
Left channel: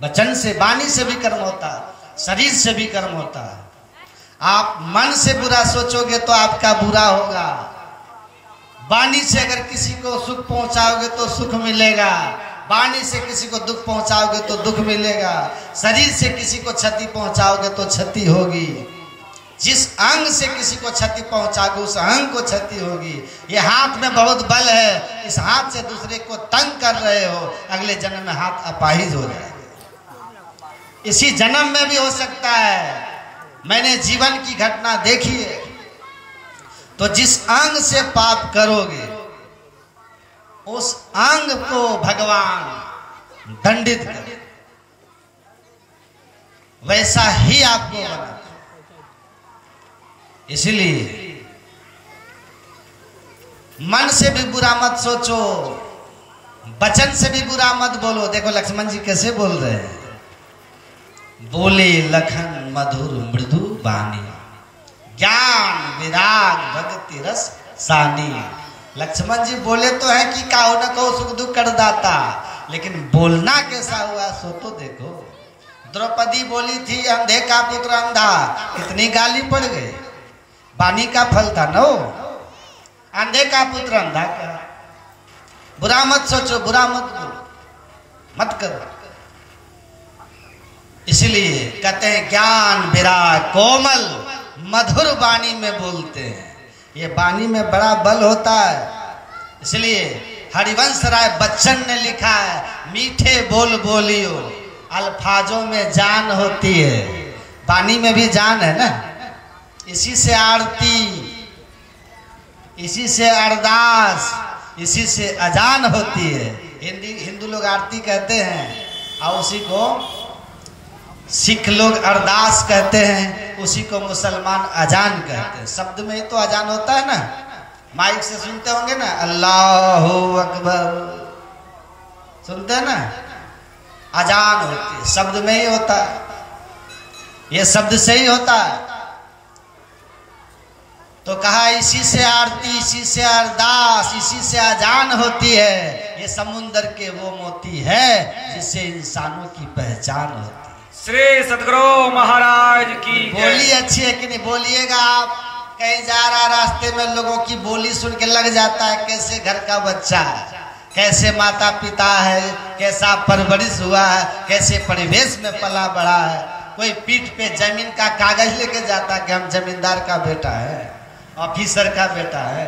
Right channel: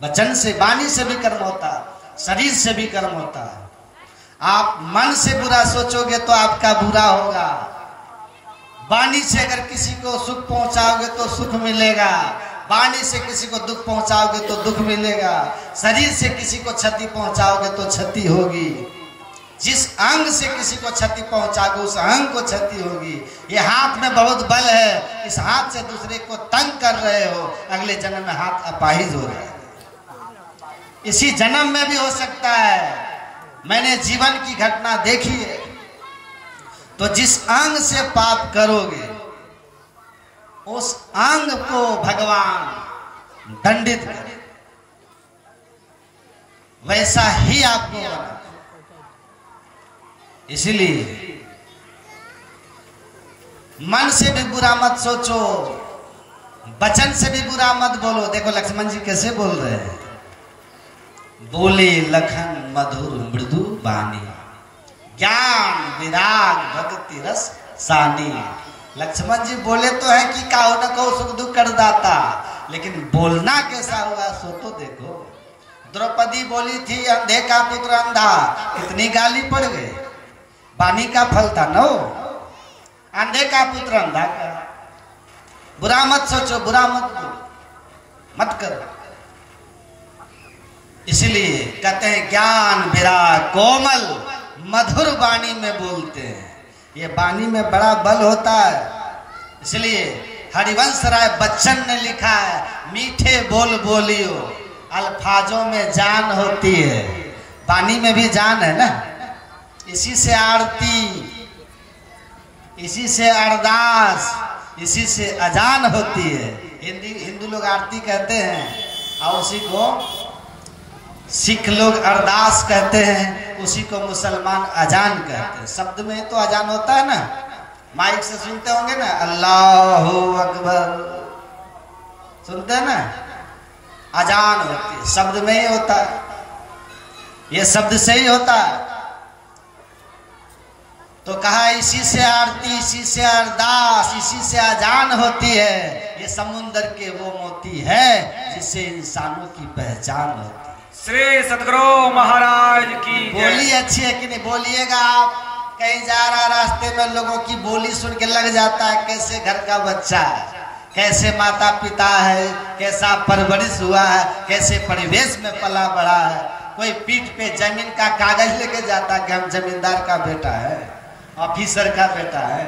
वचन से, वाणी से भी कर्म होता है, शरीर से भी कर्म होता है। आप मन से बुरा सोचोगे तो आपका बुरा होगा। वाणी से अगर किसी को सुख पहुंचाओगे तो सुख मिलेगा, वाणी से किसी को दुख पहुंचाओगे तो दुख मिलेगा, शरीर से किसी को क्षति पहुंचाओगे तो क्षति होगी। जिस अंग से किसी को क्षति पहुंचाओगे उस अंग को क्षति होगी। ये हाथ में बहुत बल है, इस हाथ से दूसरे को तंग कर रहे हो, अगले जन्म में हाथ अपाहिज हो जाएगा। इसी जन्म में भी हो सकता है। मैंने जीवन की घटना देखी है। तो जिस अंग से पाप करोगे उस अंग को भगवान दंडित करे, वैसा ही आपको होना। इसलिए मन से भी बुरा मत सोचो, वचन से भी बुरा मत बोलो। देखो लक्ष्मण जी कैसे बोल रहे हैं, बोले लखन मधुर मृदु बानी, ज्ञान विराग भक्ति रस सानी। लक्ष्मण जी बोले तो है कि काहो न कहो सुख दुख कर दाता, लेकिन बोलना कैसा हुआ सो तो देखो। द्रौपदी बोली थी अंधे का पुत्र अंधा, कितनी गाली पड़ गई। वाणी का फल था नो, अंधे का पुत्र अंधा का। बुरा मत सोचो, बुरा मत बोलो, मत करो। इसलिए कहते हैं ज्ञान विराग कोमल मधुर वाणी में बोलते हैं। ये वाणी में बड़ा बल होता है। इसलिए हरिवंश राय बच्चन ने लिखा है, मीठे बोल बोलियो अल्फाजों में जान होती है। वाणी में भी जान है ना। इसी से आरती, इसी से अरदास, इसी से अजान होती है। हिंदू लोग आरती कहते हैं और उसी को सिख लोग अरदास कहते हैं, उसी को मुसलमान अजान कहते हैं। शब्द में ही तो अजान होता है ना। माइक से सुनते होंगे ना, अल्लाहु अकबर, सुनते हैं ना, अजान होती है, शब्द में ही होता है। ये शब्द से ही होता है। तो कहा इसी से आरती, इसी से अरदास, इसी से अजान होती है। ये समुंदर के वो मोती है जिससे इंसानों की पहचान होती है। श्री सतगुरु महाराज की बोली अच्छी है कि नहीं? बोलिएगा आप। कहीं जा रहा रास्ते में लोगों की बोली सुन के लग जाता है कैसे घर का बच्चा है, कैसे माता पिता है, कैसा परवरिश हुआ है, कैसे परिवेश में पला बड़ा है। कोई पीठ पे जमीन का कागज लेके जाता कि हम जमींदार का बेटा है, ऑफिसर का बेटा है।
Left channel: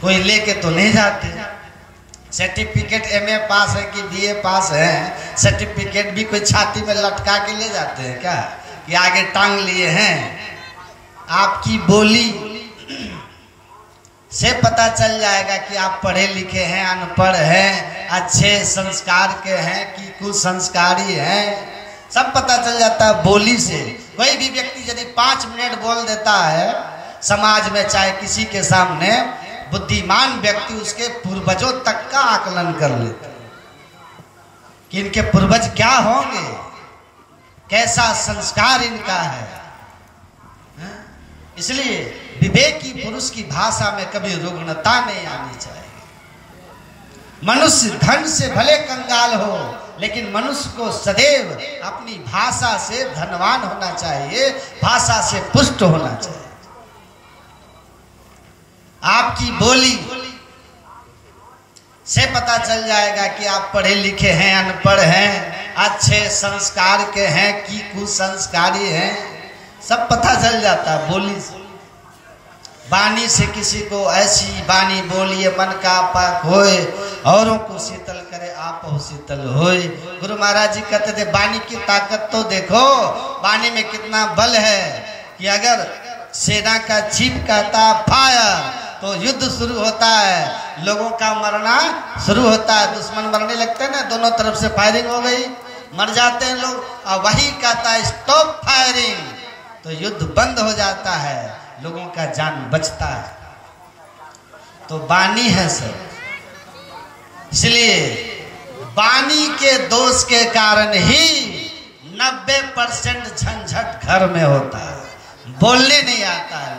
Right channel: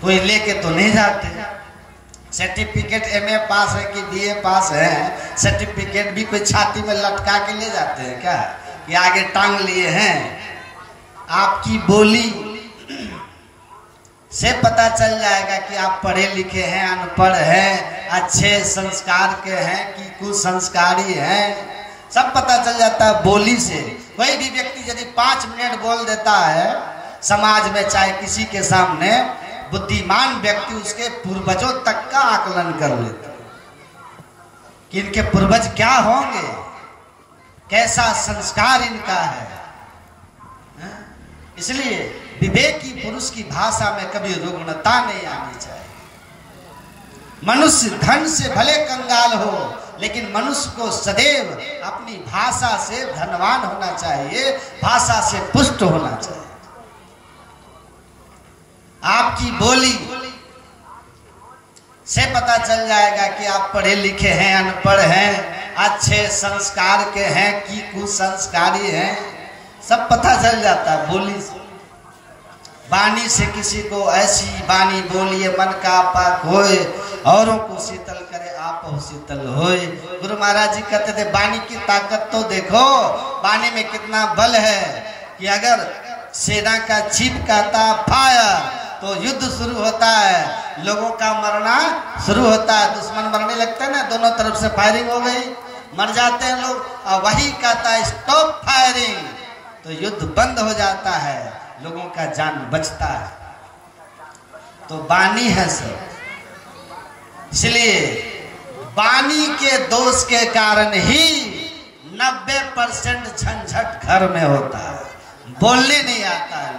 कोई लेके तो नहीं जाते। सर्टिफिकेट एमए पास है कि बीए पास है, सर्टिफिकेट भी कोई छाती में लटका के ले जाते हैं क्या कि आगे टांग लिए हैं? आपकी बोली से पता चल जाएगा कि आप पढ़े लिखे हैं, अनपढ़ हैं, अच्छे संस्कार के हैं कि कुसंस्कारी हैं। सब पता चल जाता है बोली से। कोई भी व्यक्ति यदि 5 मिनट बोल देता है समाज में, चाहे किसी के सामने, बुद्धिमान व्यक्ति उसके पूर्वजों तक का आकलन कर लेता है कि इनके पूर्वज क्या होंगे, कैसा संस्कार इनका है। इसलिए विवेकी पुरुष की भाषा में कभी रुग्णता नहीं आनी चाहिए। मनुष्य धन से भले कंगाल हो, लेकिन मनुष्य को सदैव अपनी भाषा से धनवान होना चाहिए, भाषा से पुष्ट होना चाहिए। आपकी बोली से पता चल जाएगा कि आप पढ़े लिखे हैं, अनपढ़ हैं, अच्छे संस्कार के हैं कि कुसंस्कारी हैं। सब पता चल जाता है बोली से। वाणी से किसी को ऐसी वाणी बोलिए मन का पाक होए, औरों को शीतल करे आप शीतल होए। गुरु महाराज जी कहते थे वाणी की ताकत तो देखो, वाणी में कितना बल है कि अगर सेना का चीफ कहता फायर तो युद्ध शुरू होता है, लोगों का मरना शुरू होता है। दुश्मन मरने लगते हैं ना, दोनों तरफ से फायरिंग हो गई, मर जाते हैं लोग। और वही कहता है स्टॉप फायरिंग, तो युद्ध बंद हो जाता है, लोगों का जान बचता है। तो वाणी है सब। इसलिए वाणी के दोष के कारण ही 90% झंझट घर में होता है। बोलने नहीं आता है।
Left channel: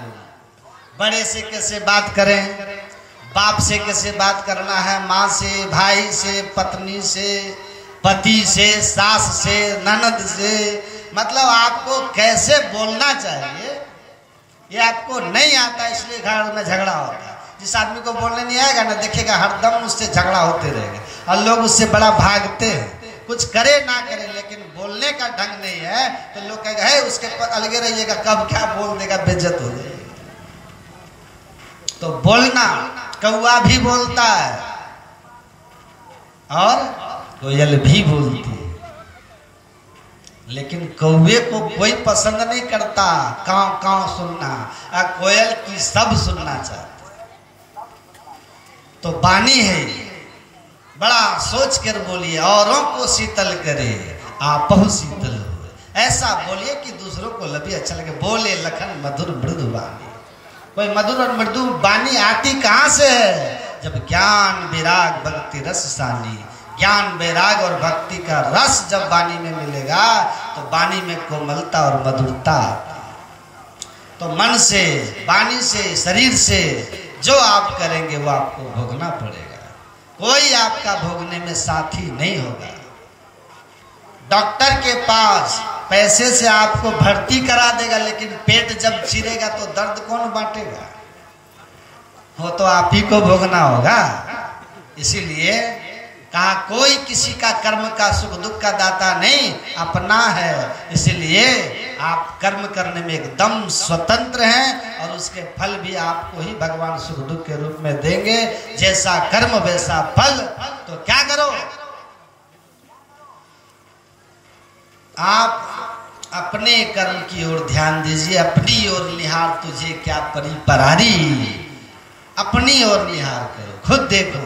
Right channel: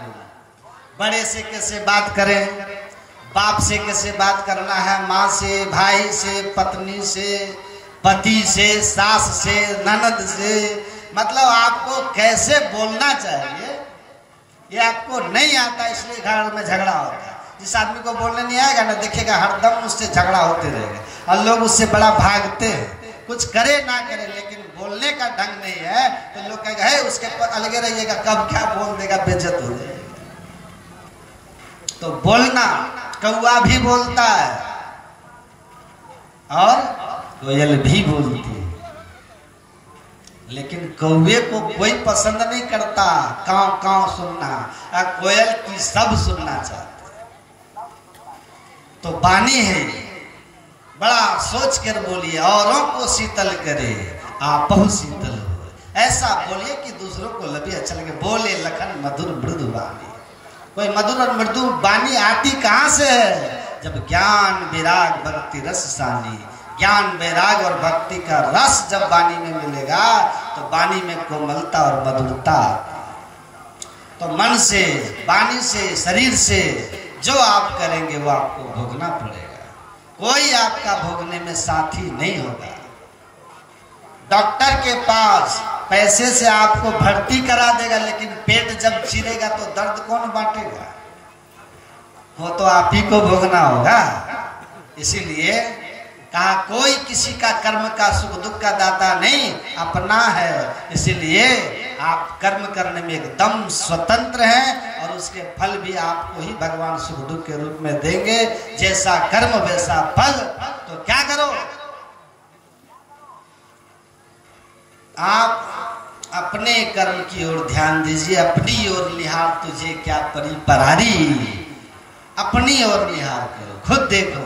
बड़े से कैसे बात करें, बाप से कैसे बात करना है, माँ से, भाई से, पत्नी से, पति से, सास से, ननद से, मतलब आपको कैसे बोलना चाहिए ये आपको नहीं आता, इसलिए घर में झगड़ा होता है। जिस आदमी को बोलने नहीं आएगा ना, देखिएगा हरदम उससे झगड़ा होते रहेगा और लोग उससे बड़ा भागते हैं। कुछ करे ना करे, लेकिन बोलने का ढंग नहीं है तो लोग कहेगा है उसके अलगे रहिएगा, कब क्या बोल देगा, बेइज्जत हो जाएगी। तो बोलना, कौआ भी बोलता है और कोयल भी बोलती है, लेकिन कौवे को कोई पसंद नहीं करता काव काव सुनना, और कोयल की सब सुनना चाहता। तो वाणी है, बड़ा सोच कर बोलिए, औरों को शीतल करे आपहु शीतल हो। ऐसा बोलिए कि दूसरों को लभी अच्छा लगे। बोले लखन मधुर मृदु वाणी। कोई मधुर और मृदु वाणी आती कहाँ से है? जब ज्ञान विराग भक्ति रस सानी, ज्ञान वैराग और भक्ति का रस जब वाणी में मिलेगा तो वाणी में कोमलता और मधुरता आती है। तो मन से, वाणी से, शरीर से जो आप करेंगे वो आपको भोगना पड़ेगा। कोई आपका भोगने में साथी नहीं होगा। डॉक्टर के पास पैसे से आपको भर्ती करा देगा, लेकिन पेट जब चिरेगा तो दर्द कौन बांटेगा? वो तो आप ही को भोगना होगा। इसीलिए कहा कोई किसी का कर्म का सुख दुख का दाता नहीं, अपना है। इसलिए आप कर्म करने में एकदम स्वतंत्र हैं और उसके फल भी आपको ही भगवान सुख दुख के रूप में देंगे। जैसा कर्म वैसा फल। तो क्या करो, आप अपने कर्म की ओर ध्यान दीजिए। अपनी ओर निहार तुझे क्या परी परारी, अपनी ओर निहार करो, खुद देखो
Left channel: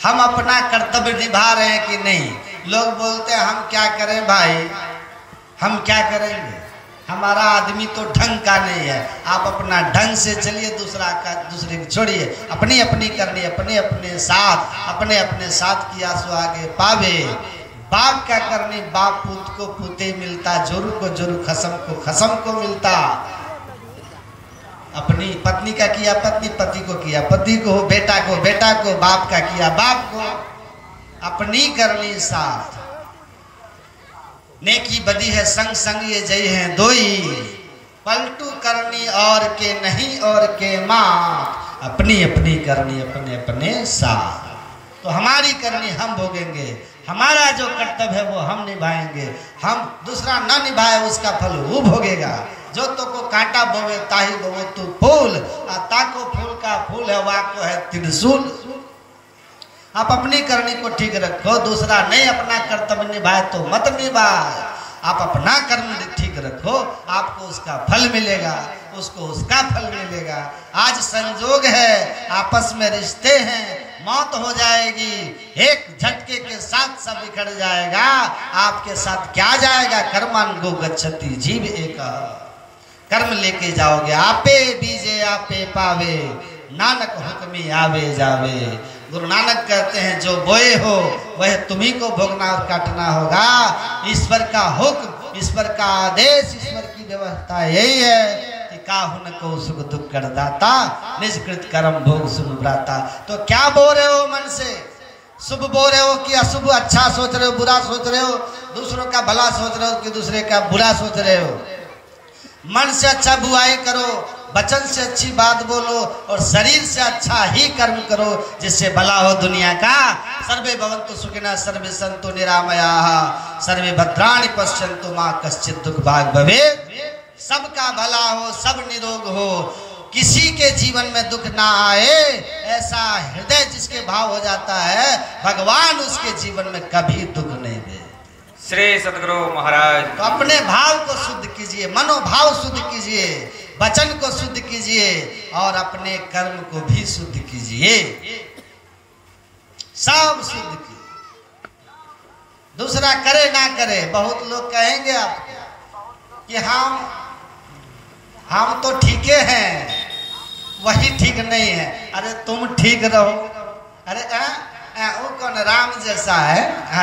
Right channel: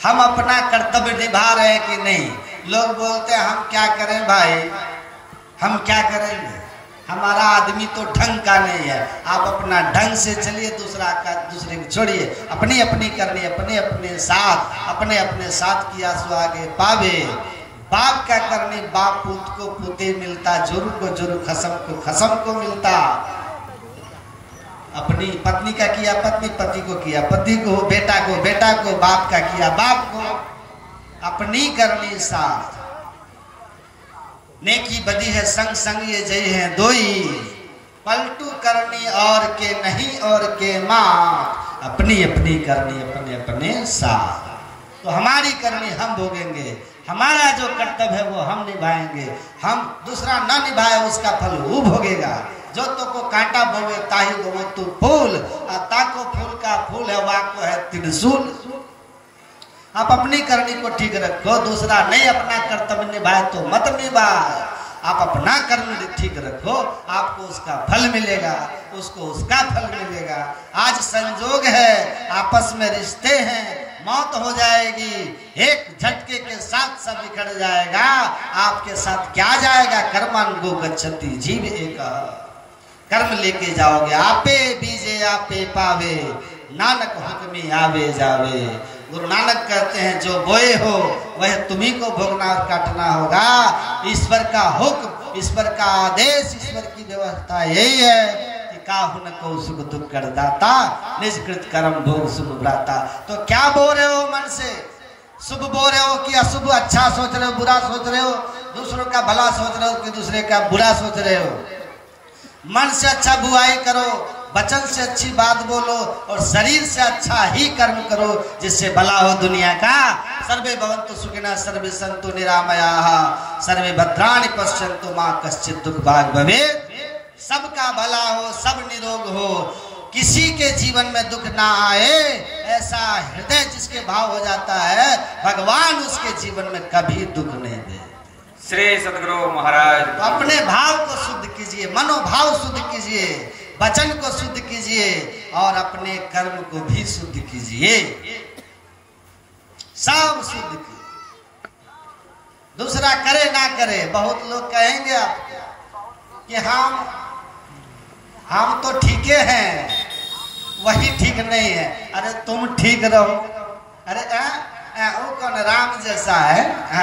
हम अपना कर्तव्य निभा रहे हैं कि नहीं। लोग बोलते हैं हम क्या करें भाई, हम क्या करेंगे, हमारा आदमी तो ढंग का नहीं है। आप अपना ढंग से चलिए, दूसरे को छोड़िए। अपनी अपनी करनी, अपने अपने साथ किया सो आगे पावे। बाप क्या करनी, बाप पूत को पूते मिलता, जोरू को जोरू, खसम को मिलता। अपनी पत्नी का किया पत्नी, पति को किया पति को, बेटा को, बाप का किया बाप को। अपनी करनी साथ, नेकी बदी है संग संग ये जय है दोई। पलटू करनी और के नहीं और के माँ, अपनी अपनी करनी अपने अपने साथ। तो हमारी करनी हम भोगेंगे, हमारा जो कर्तव्य है वो हम निभाएंगे। हम दूसरा ना निभाए उसका फल वो भोगेगा। जो तो को कांटा बोवे ताही बोवे तू फूल, ताको फूल का फूल है वाको है त्रिशूल। आप अपनी करनी को ठीक रखो, दूसरा नहीं अपना कर्तव्य निभाए तो मत निभाए। आप अपना कर्म ठीक रखो, आपको उसका फल मिलेगा, उसको उसका फल मिलेगा। आज संजोग है, आपस में रिश्ते हैं, मौत हो जाएगी, एक झटके के साथ सब बिखर जाएगा। आपके साथ क्या जाएगा, कर्मन गो गच्छति जीव एक। कर्म लेके जाओगे, आपे बीजे आपे पावे, नानक हुक्मी आवे जावे। गुरु नानक कहते हैं जो बोए हो वह तुम्ही को भोगना और काटना होगा। ईश्वर का हुक्म, ईश्वर का आदेश, ईश्वर की व्यवस्था यही है कि काहुन को सुख दुख कर दाता, निज कृत कर्म भोग शुभ भ्राता। तो क्या बोल रहे हो मन से, शुभ बोल रहे हो कि अशुभ, अच्छा सोच रहे हो, बुरा सोच रहे हो, दूसरों का भला सोच रहे हो कि दूसरे का बुरा सोच रहे हो। मन से अच्छा बुराई करो, वचन से अच्छी बात बोलो और शरीर से अच्छा ही कर्म करो जिससे भला हो दुनिया का। सर्वे भवन्तु सुखिनः, सर्वे सन्तु निरामयाः, सर्वे भद्राणि पश्यन्तु मा कश्चित् दुःख भाग् भवेत्। सबका भला हो, सब निरोग हो, किसी के जीवन में दुख ना आए, ऐसा हृदय जिसके भाव हो जाता है, भगवान उसके जीवन में कभी दुख नहीं दे। श्री सद्गुरु महाराज। तो अपने भाव को शुद्ध कीजिए, मनोभाव शुद्ध कीजिए, वचन को शुद्ध कीजिए और अपने कर्म को भी शुद्ध कीजिए। सब शुद्ध कीजिए, दूसरा करे ना करे। बहुत लोग कहेंगे आपको कि हम तो ठीक हैं, वही ठीक नहीं है। अरे तुम ठीक रहो। अरे वो कौन राम जैसा है?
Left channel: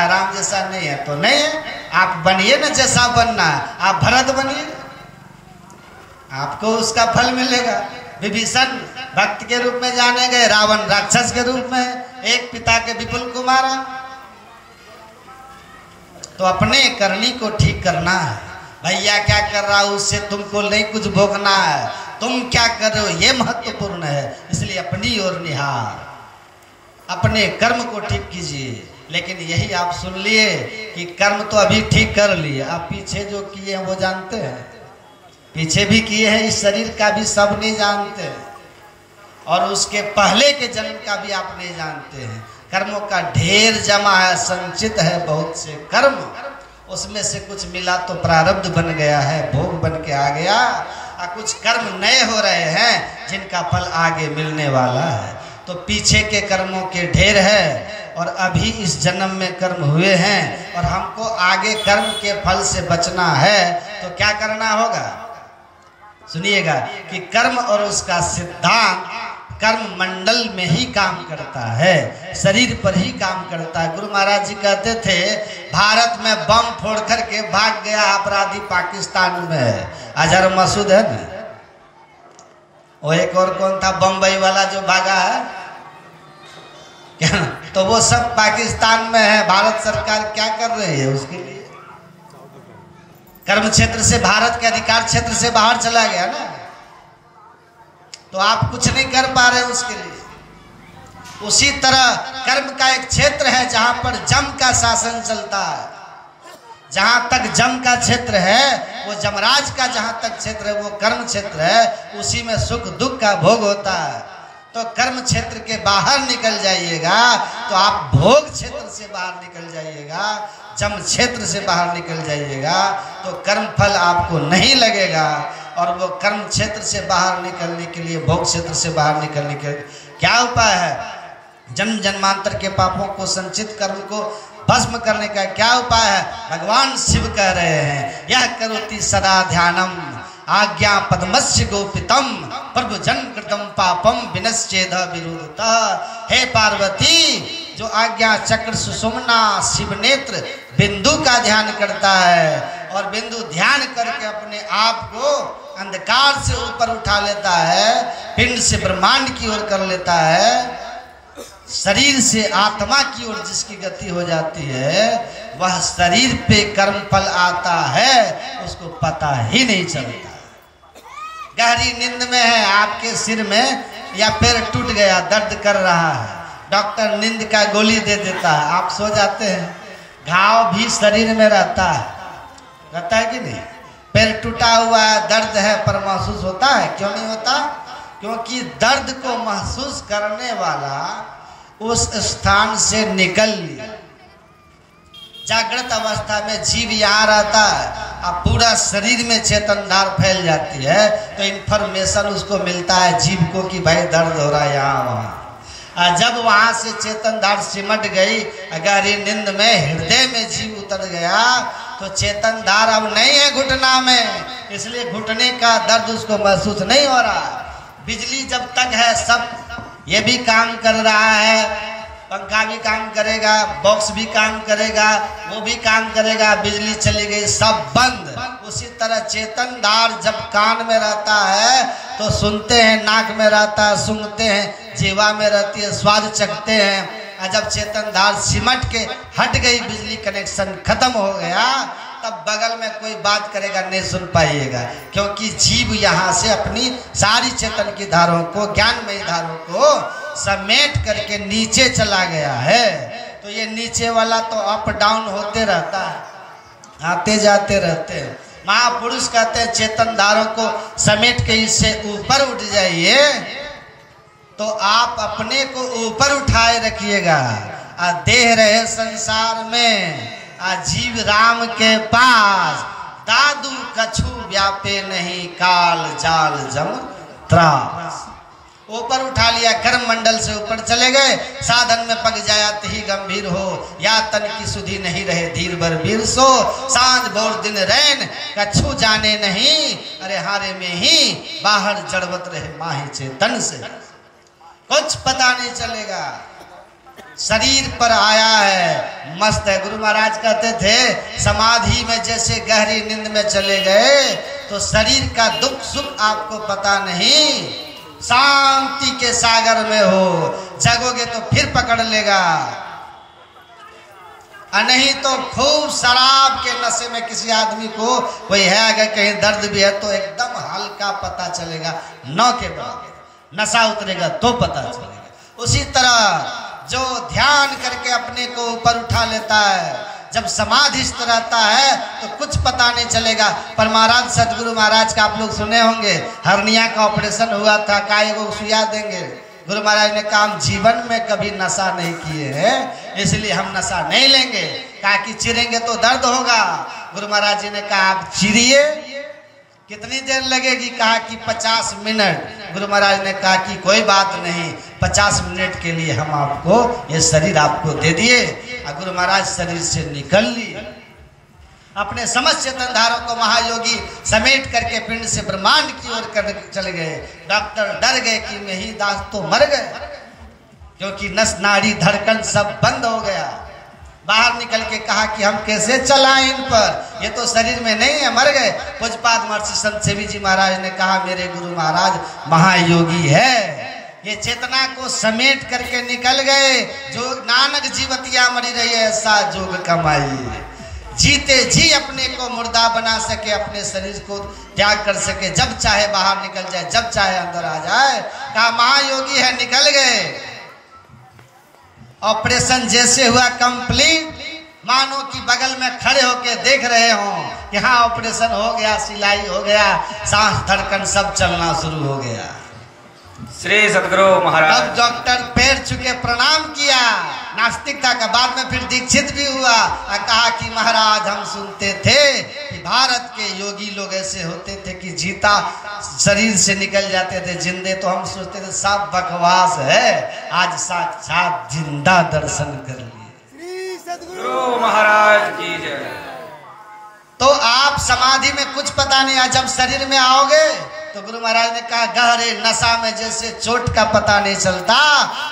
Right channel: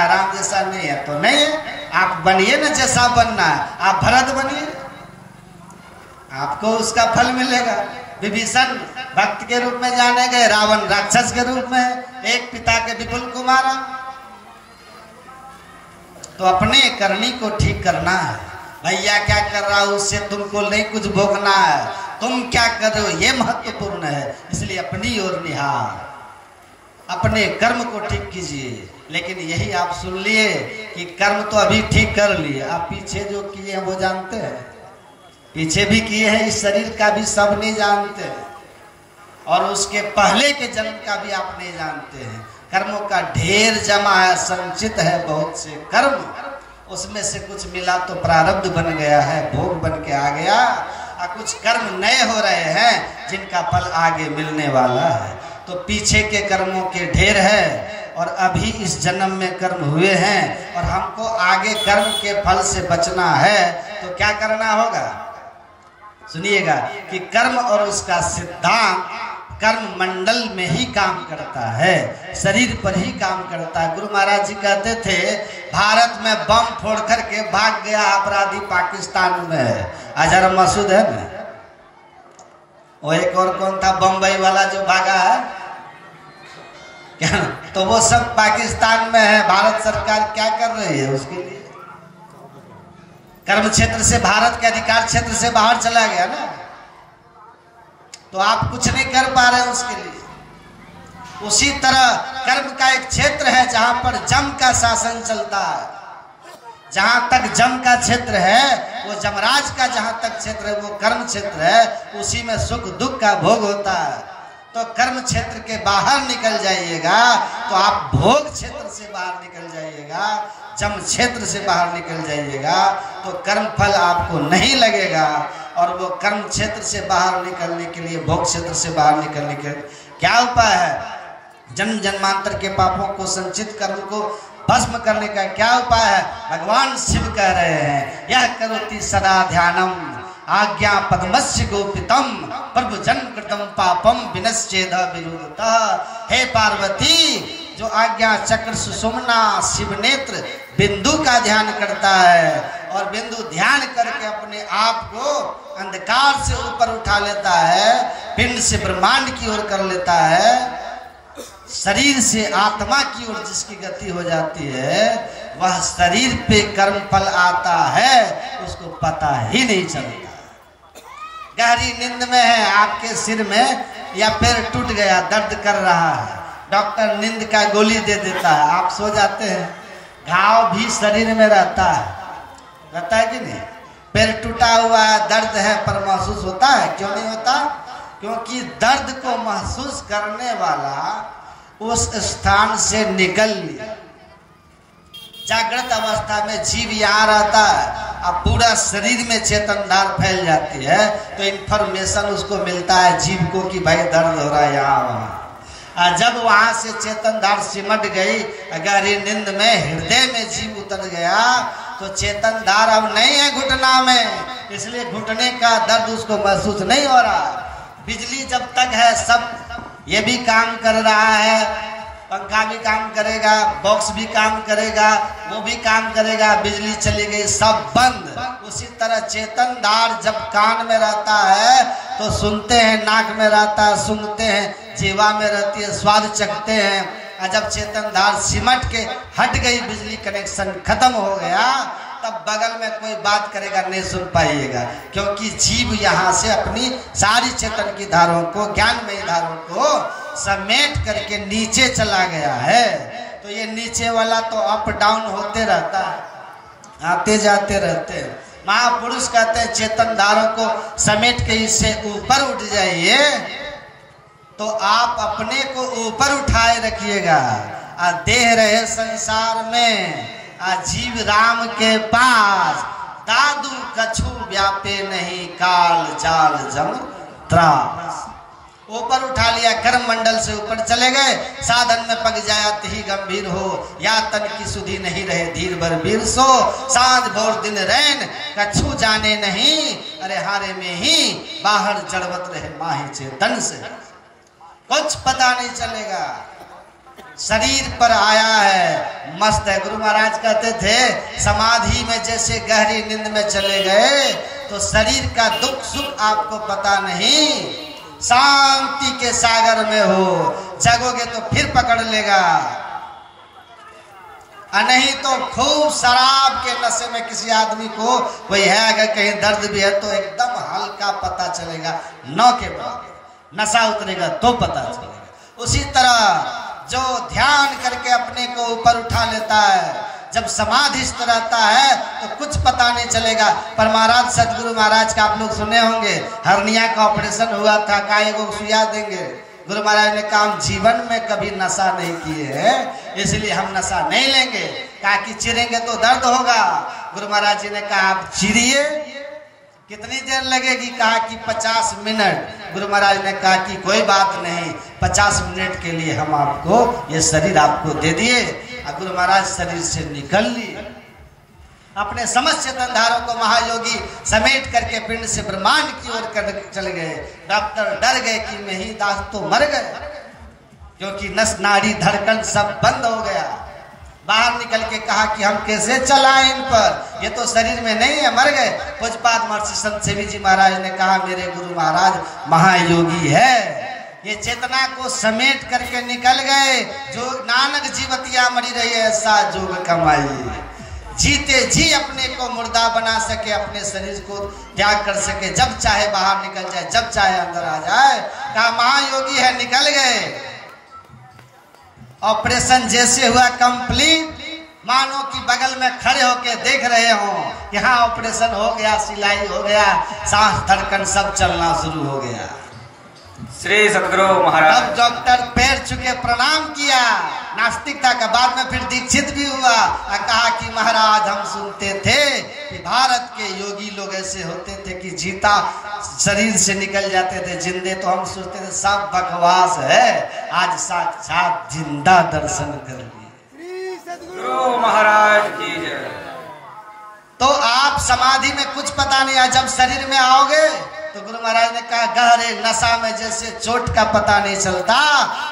राम जैसा नहीं है तो नहीं है। आप बनिए ना जैसा बनना है, आप भरत बनिए, आपको उसका फल मिलेगा। विभीषण भक्त के रूप में जाने गए, रावण राक्षस के रूप में, एक पिता के विपुल को मारा। तो अपने करनी को ठीक करना है। भैया क्या कर रहा हूं उससे तुमको नहीं कुछ भोगना है, तुम क्या कर रहे हो ये महत्वपूर्ण है। इसलिए अपनी ओर निहार, अपने कर्म को ठीक कीजिए। लेकिन यही आप सुन लिए कि कर्म तो अभी ठीक कर लिए, आप पीछे जो किए हैं वो जानते हैं, पीछे भी किए हैं, इस शरीर का भी सब नहीं जानते और उसके पहले के जन्म का भी आप नहीं जानते हैं। कर्मों का ढेर जमा है, संचित है बहुत से कर्म, उसमें से कुछ मिला तो प्रारब्ध बन गया है, भोग बन के आ गया, और कुछ कर्म नए हो रहे हैं जिनका फल आगे मिलने वाला है। तो पीछे के कर्मों के ढेर है और अभी इस जन्म में कर्म हुए हैं और हमको आगे कर्म के फल से बचना है। तो क्या करना होगा, सुनिएगा कि कर्म और उसका सिद्धांत कर्म मंडल में ही काम करता है, शरीर पर ही काम करता है। गुरु महाराज जी कहते थे भारत में बम फोड़ करके भाग गया अपराधी पाकिस्तान में, अजहर मसूद है ना, वो एक और कौन था बम्बई वाला जो भागा है क्या, तो वो सब पाकिस्तान में है। भारत सरकार क्या कर रही है उसके लिए? कर्म क्षेत्र से, भारत के अधिकार क्षेत्र से बाहर चला गया ना, तो आप कुछ नहीं कर पा रहे उसके लिए। उसी तरह कर्म का एक क्षेत्र है जहां पर जम का शासन चलता है, जहां तक जम का क्षेत्र है वो जमराज का जहां तक क्षेत्र है वो कर्म क्षेत्र है, उसी में सुख दुख का भोग होता है। तो कर्म क्षेत्र के बाहर निकल जाइएगा तो आप भोग क्षेत्र से बाहर निकल जाइएगा, जम क्षेत्र से बाहर निकल जाइएगा तो कर्म फल आपको नहीं लगेगा। और वो कर्म क्षेत्र से बाहर निकलने के लिए, भोग क्षेत्र से बाहर निकलने के क्या उपाय है? जन्म जन्मांतर के पापों को, संचित कर्म को भस्म करने का क्या उपाय है? भगवान शिव कह रहे हैं, यह करोति सदा ध्यानम आज्ञा पद्मस्य गोपितम प्रभु जन्म कृतम पापम विनश्चेद विरुद्धतः। हे पार्वती, जो आज्ञा चक्र सुषुम्ना शिव नेत्र बिंदु का ध्यान करता है और बिंदु ध्यान करके अपने आप को अंधकार से ऊपर उठा लेता है, पिंड से ब्रह्मांड की ओर कर लेता है, शरीर से आत्मा की ओर जिसकी गति हो जाती है, वह शरीर पे कर्म फल आता है उसको पता ही नहीं चलता। गहरी नींद में है, आपके सिर में या पैर टूट गया, दर्द कर रहा है, डॉक्टर नींद का गोली दे देता है, आप सो जाते हैं, घाव भी शरीर में रहता है कि नहीं? पैर टूटा हुआ है, दर्द है, पर महसूस होता है? क्यों नहीं होता? क्योंकि दर्द को महसूस करने वाला उस स्थान से निकल लिया। जागृत अवस्था में जीव यहाँ रहता है, अब पूरा शरीर में चेतन धार फैल जाती है तो इंफॉर्मेशन उसको मिलता है जीव को कि भाई दर्द हो रहा है यहाँ वहाँ। जब वहां से चेतन धार सिमट गई, अगर ये नींद में हृदय में जीव उतर गया तो चेतन धार अब नहीं है घुटना में, इसलिए घुटने का दर्द उसको महसूस नहीं हो रहा। बिजली जब तक है सब ये भी काम कर रहा है, पंखा भी काम करेगा, बॉक्स भी काम करेगा, वो भी काम करेगा, बिजली चली गई सब बंद। उसी तरह चेतन धार जब कान में रहता है तो सुनते हैं, नाक में रहता है सुनते हैं, जीवा में रहती है स्वाद चखते हैं। और जब चेतन धार सिमट के हट गई, बिजली कनेक्शन खत्म हो गया, तब बगल में कोई बात करेगा नहीं सुन पाइएगा, क्योंकि जीव यहाँ से अपनी सारी चेतन की धारों को, ज्ञानमयी धारों को समेट करके नीचे चला गया है। तो ये नीचे वाला तो अप डाउन होते रहता है, आते जाते रहते हैं। महापुरुष कहते हैं चेतन धारों को समेट के इससे ऊपर उठ जाइए तो आप अपने को ऊपर उठाए रखिएगा। देह रहे संसार में, जीव राम के पास, दादू कछु व्यापे नहीं, काल जाल जम त्रास। ऊपर उठा लिया, कर्म मंडल से ऊपर चले गए, साधन में पग जायत ही गंभीर हो, या तन की सुधी नहीं रहे धीर भर वीर सो, सांझ भोर दिन रैन कछु जाने नहीं, अरे हारे में ही बाहर जड़वत रहे माही चेतन से। कुछ पता नहीं चलेगा, शरीर पर आया है, मस्त है। गुरु महाराज कहते थे समाधि में जैसे गहरी नींद में चले गए तो शरीर का दुख सुख आपको पता नहीं, शांति के सागर में हो, जगोगे तो फिर पकड़ लेगा, नहीं तो खूब शराब के नशे में किसी आदमी को कोई है, अगर कहीं दर्द भी है तो एकदम हल्का पता चलेगा, नौ के बाद नशा उतरेगा तो पता चलेगा। उसी तरह जो ध्यान करके अपने को ऊपर उठा लेता है, जब समाधिस्थ रहता है तो कुछ पता नहीं चलेगा। पर महाराज सदगुरु महाराज का आप लोग सुने होंगे, हर्निया का ऑपरेशन हुआ था, काय को सुइया देंगे, गुरु महाराज ने कहा हम जीवन में कभी नशा नहीं किए हैं, इसलिए हम नशा नहीं लेंगे। कहा कि चिरेंगे तो दर्द होगा। गुरु महाराज जी ने कहा आप चिरिए, कितनी देर लगेगी? कहा कि 50 मिनट। गुरु महाराज ने कहा कि कोई बात नहीं, 50 मिनट के लिए हम आपको ये शरीर आपको दे दिए। और गुरु महाराज शरीर से निकल लिए, अपने समस्त चेतन धारों को महायोगी समेट करके पिंड से ब्रह्मांड की ओर कर चले गए। डॉक्टर डर गए कि नहीं दास तो मर गए, क्योंकि नस नाड़ी धड़कन सब बंद हो गया। बाहर निकल के कहा कि हम कैसे चलाएं इन पर, ये तो शरीर में नहीं है, मर गए। पूज्यपाद महर्षि संत सेवी जी महाराज ने कहा मेरे गुरु महाराज महायोगी है, ये चेतना को समेट करके निकल गए। जो नानक जीवतिया मरी रही है ऐसा जोग कमाई, जीते जी अपने को मुर्दा बना सके, अपने शरीर को त्याग कर सके, जब चाहे बाहर निकल जाए, जब चाहे अंदर आ जाए। कहा महायोगी है, निकल गए। ऑपरेशन जैसे हुआ कंप्लीट, मानो कि बगल में खड़े होके देख रहे हो कि हाँ ऑपरेशन हो गया, सिलाई हो गया, सांस धड़कन सब चलना शुरू हो गया। श्री सद्गुरु महाराज। अब डॉक्टर पैर छुके प्रणाम किया, नास्तिकता का, बाद में फिर दीक्षित भी हुआ और कहा कि महाराज हम सुनते थे कि भारत के योगी लोग ऐसे होते थे कि जीता शरीर से निकल जाते थे, जिंदे तो हम सोचते थे सब बकवास है, आज साक्षात जिंदा दर्शन कर लिए। सद्गुरु महाराज की जय। तो आप समाधि में कुछ पता नहीं है, जब शरीर में आओगे तो गुरु महाराज ने कहा गहरे नशा में जैसे चोट का पता नहीं चलता,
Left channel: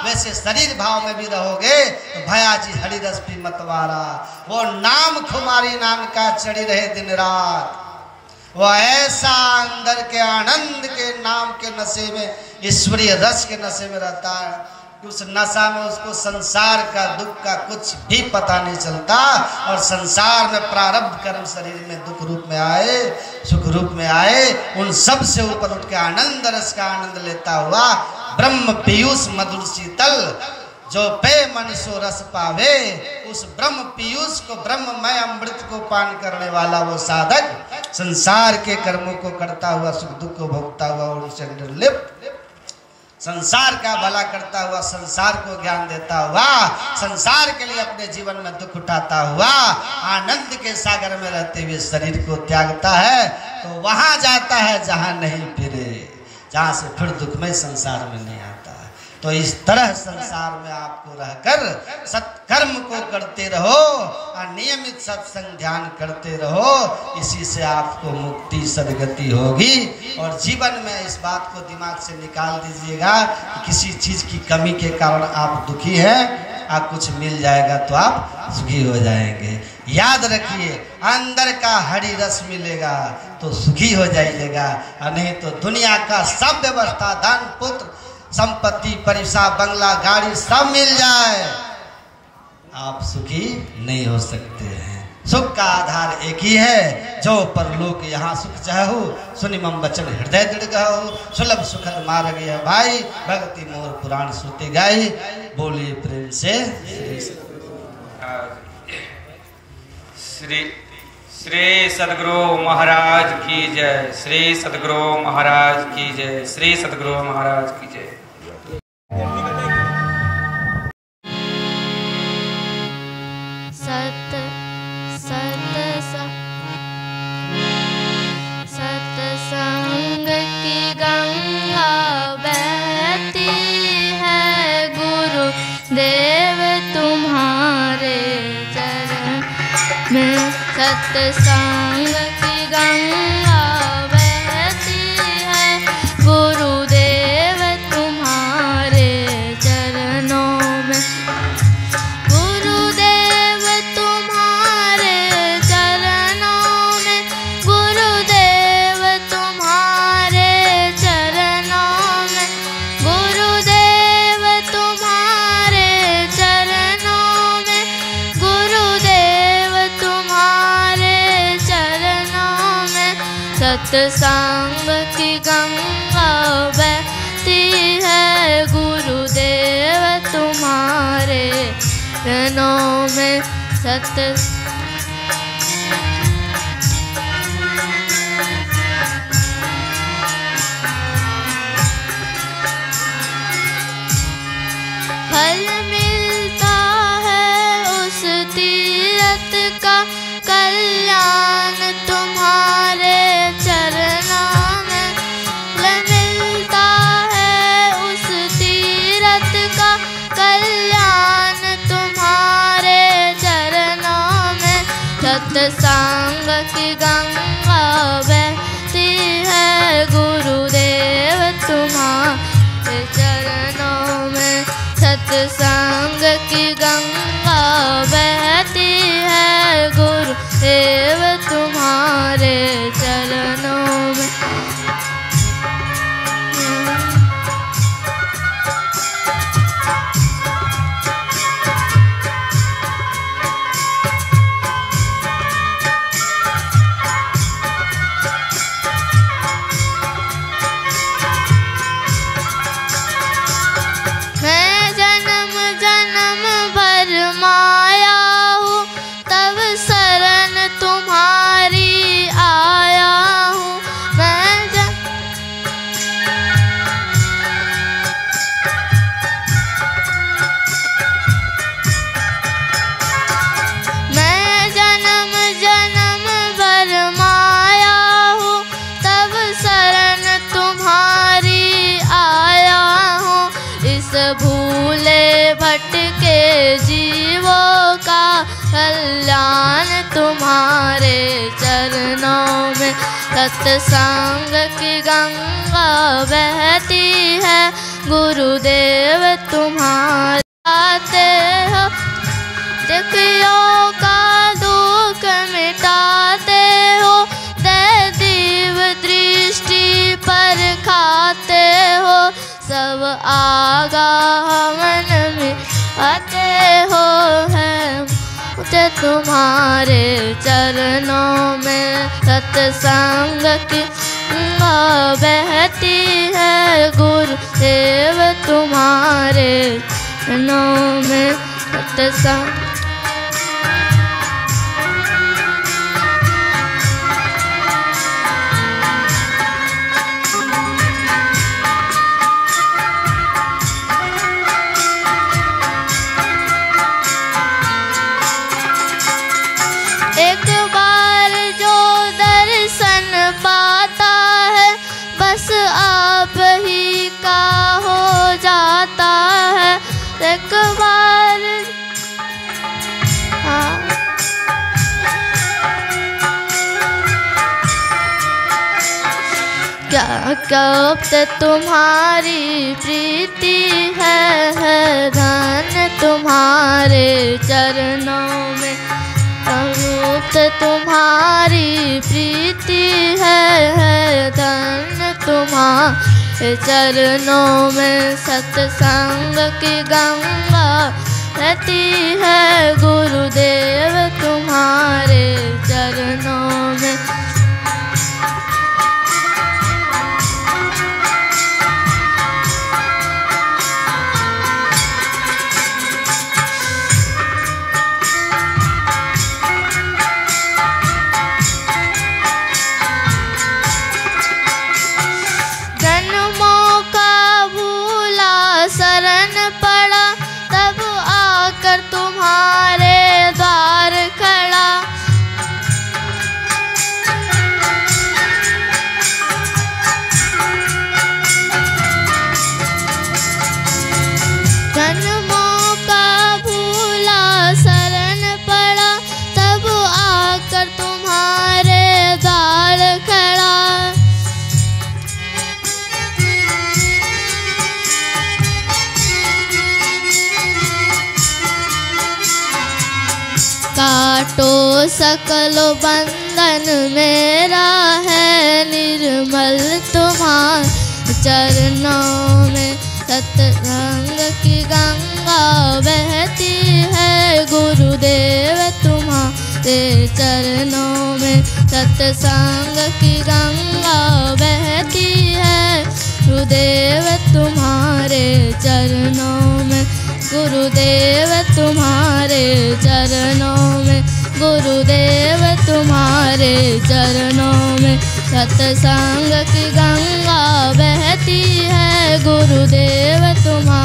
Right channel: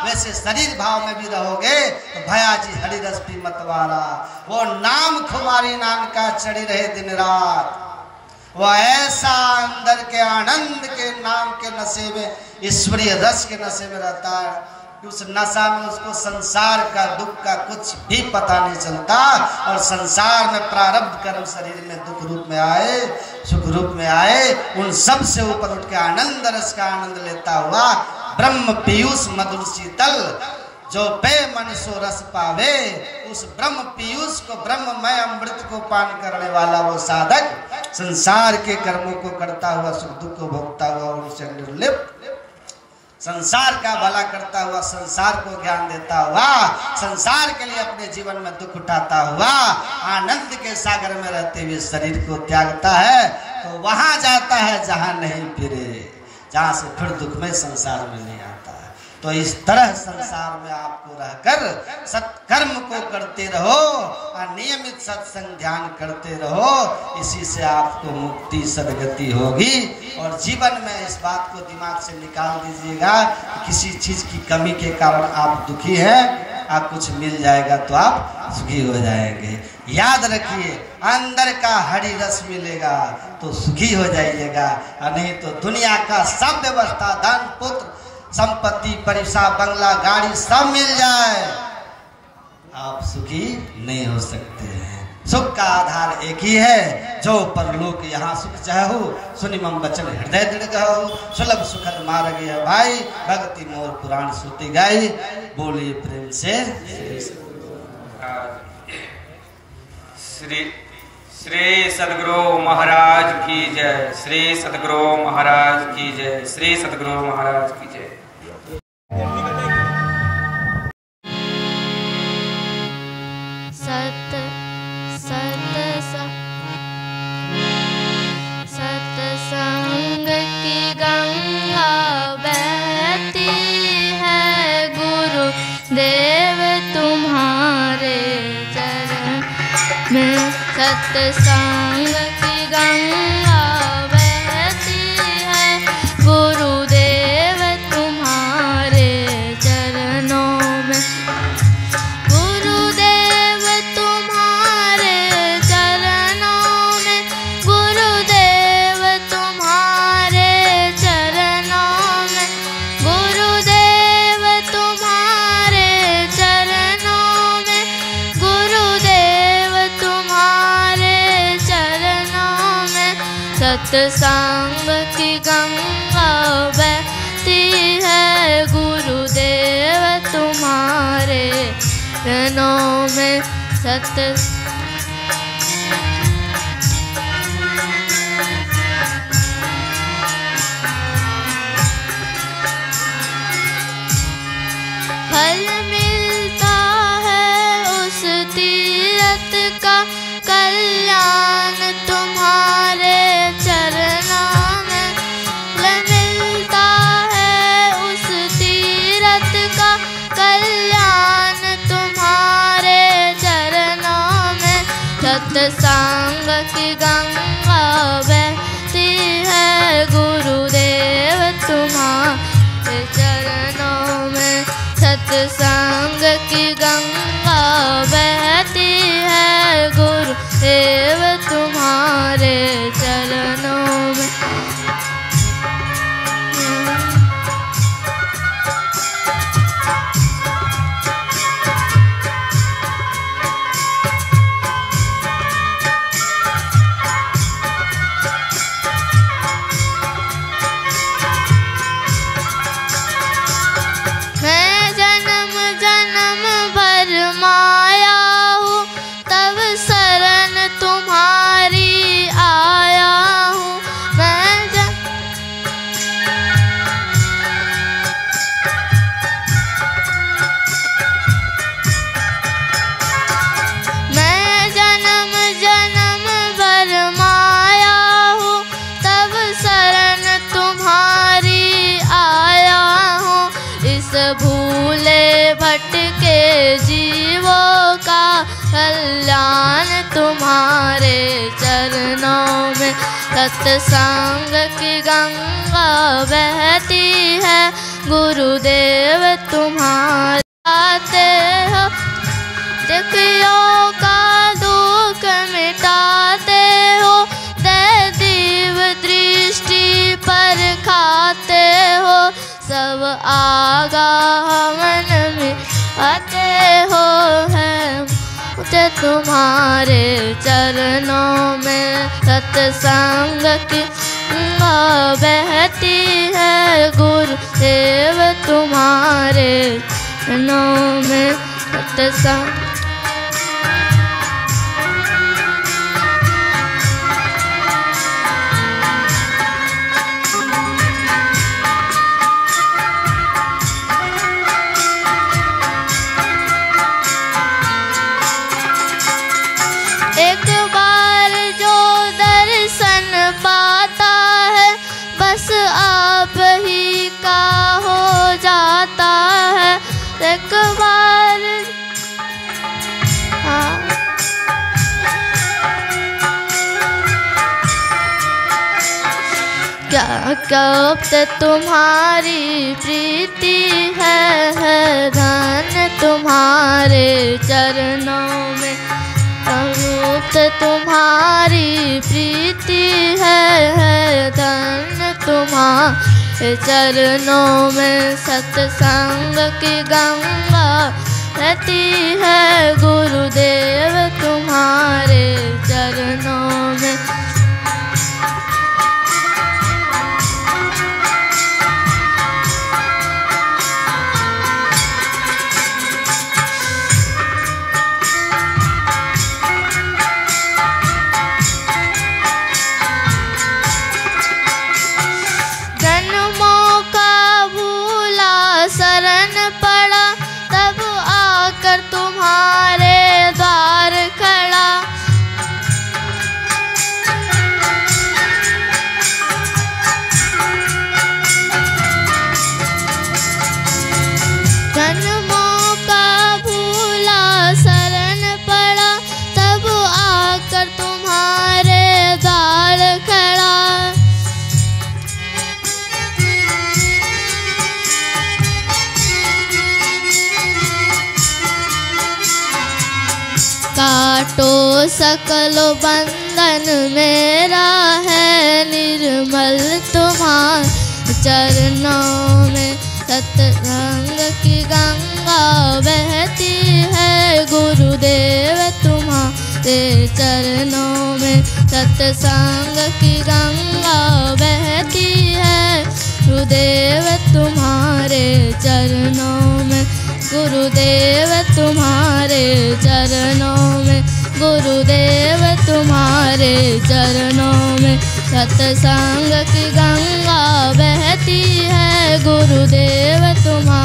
वैसे शरीर भाव में भी रहोगे तो भया जी हरिरस पी मतवारा, वो नाम खुमारी नाम का चढ़ी रहे दिन रात, वो ऐसा अंदर के आनंद के नाम के नशे में, ईश्वरीय रस के नशे में रहता है। उस नशा में उसको संसार का दुख का कुछ भी पता नहीं चलता, और संसार में प्रारब्ध कर्म शरीर में दुख रूप में आए, सुख रूप में आए, उन सब से ऊपर उठ के आनंद रस का आनंद लेता हुआ ब्रह्म पीयूष मधुर शीतल जो पे मनुष्य रस पावे, उस ब्रह्म पीयूष को, ब्रह्ममय अमृत को पान करने वाला वो साधक संसार के कर्मों को करता हुआ, सुख दुख को भोगता हुआ, उनसे निर्लिप्त, संसार का भला करता हुआ, संसार को ज्ञान देता हुआ, संसार के लिए अपने जीवन में दुख उठाता हुआ, आनंद के सागर में रहते हुए शरीर को त्यागता है, तो वहां जाता है जहां नहीं फिरे, जहां से फिर दुख में संसार में नहीं आता। तो इस तरह संसार में आपको रहकर सत्कर्म को करते रहो और नियमित सत्संग ध्यान करते रहो, इसी से आपको मुक्ति सदगति होगी। और जीवन में इस बात को दिमाग से निकाल दीजिएगा कि किसी चीज की कमी के कारण आप दुखी हैं, आप कुछ मिल जाएगा तो आप सुखी हो जाएंगे। याद रखिए, अंदर का हरि रस मिलेगा तो सुखी हो जाइएगा, और नहीं तो दुनिया का सब व्यवस्था, धन पुत्र संपत्ति परिसा बंगला गाड़ी सब मिल जाए, आप सुखी नहीं हो सकते हैं। सुख का आधार एक ही है, जो परलोक यहाँ सुख चाहो, सुनि मम वचन हृदय दृढ़ गहो, सुलभ सुखद मार्ग है भाई, भक्ति मोर पुराण श्रुति गाई, बोले प्रेम से श्री सद्गुरु महाराज की जय। श्री सद्गुरु महाराज की जय। श्री सद्गुरु महाराज की जय। सत्संग की गंगा बहती है, गुरु देव तुम्हारे चरण में। सत्संग की गंगा बहती है, गुरुदेव तुम्हारे चरणों में। गुरुदेव तुम्हारे चरणों में, गुरुदेव तुम्हारे चरणों में, गुरुदेव तुम्हारे चरणों में, गुरुदेव तुम्हारे चरणों में। सत्संग की गंगा बहती है, गुरुदेव तुम्हारे चरणों में। फल मिलता है उस तीरथ का, कल्याण तुम्हारे चरणों में। फल मिलता है उस तीरथ का, कल्याण तुम्हारे चरणों में। सत्संग की गंगा बहती है, गुरुदेव तुम्हारे चरणों में। सत्संग की गंगा बहती है, गुरुदेव तुम्हारे चरणों में। मैं जन्म जन्म भर मिट के जीवों का कल्याण तुम्हारे चरणों में। सत्संग की गंगा बहती है, गुरुदेव तुम्हारे आते हो। दुखियों का दुख मिटाते हो, दैवीव दृष्टि पर खाते हो। सब आगाह मन में आते हो, है मुझे तुम्हारे चरणों में। सत्संग की गंगा बहती है, गुरुदेव तुम्हारे चरणों में। सत्संग एक बार जो दर्शन पाता है, बस आप ही का हो जाता है। एक बार क्या क्या तुम्हारी प्रीति है धन तुम्हारे चरणों में। अमृत तुम्हारी प्रीति है धन तुम्हारे चरणों में। सत्संग की गंगा बहती है, गुरुदेव तुम्हारे चरणों में। शरण पड़ा तब आकर तुम्हारे द्वार खड़ा। जन्मों का भूला शरण पड़ा तब आकर तुम्हारे द्वार खड़ा। काटो सकल बंधन मेरा है, निर्मल तुम्हारे चरणों में। सत्संग की गंगा बहती है, गुरुदेव तुम्हारे चरणों में। सत्संग की गंगा बहती है, गुरुदेव तुम्हारे चरणों में। गुरुदेव तुम्हारे चरणों में, गुरुदेव तुम्हारे चरणों में। सत्संग की गंगा बहती है, गुरुदेव तुम्हारे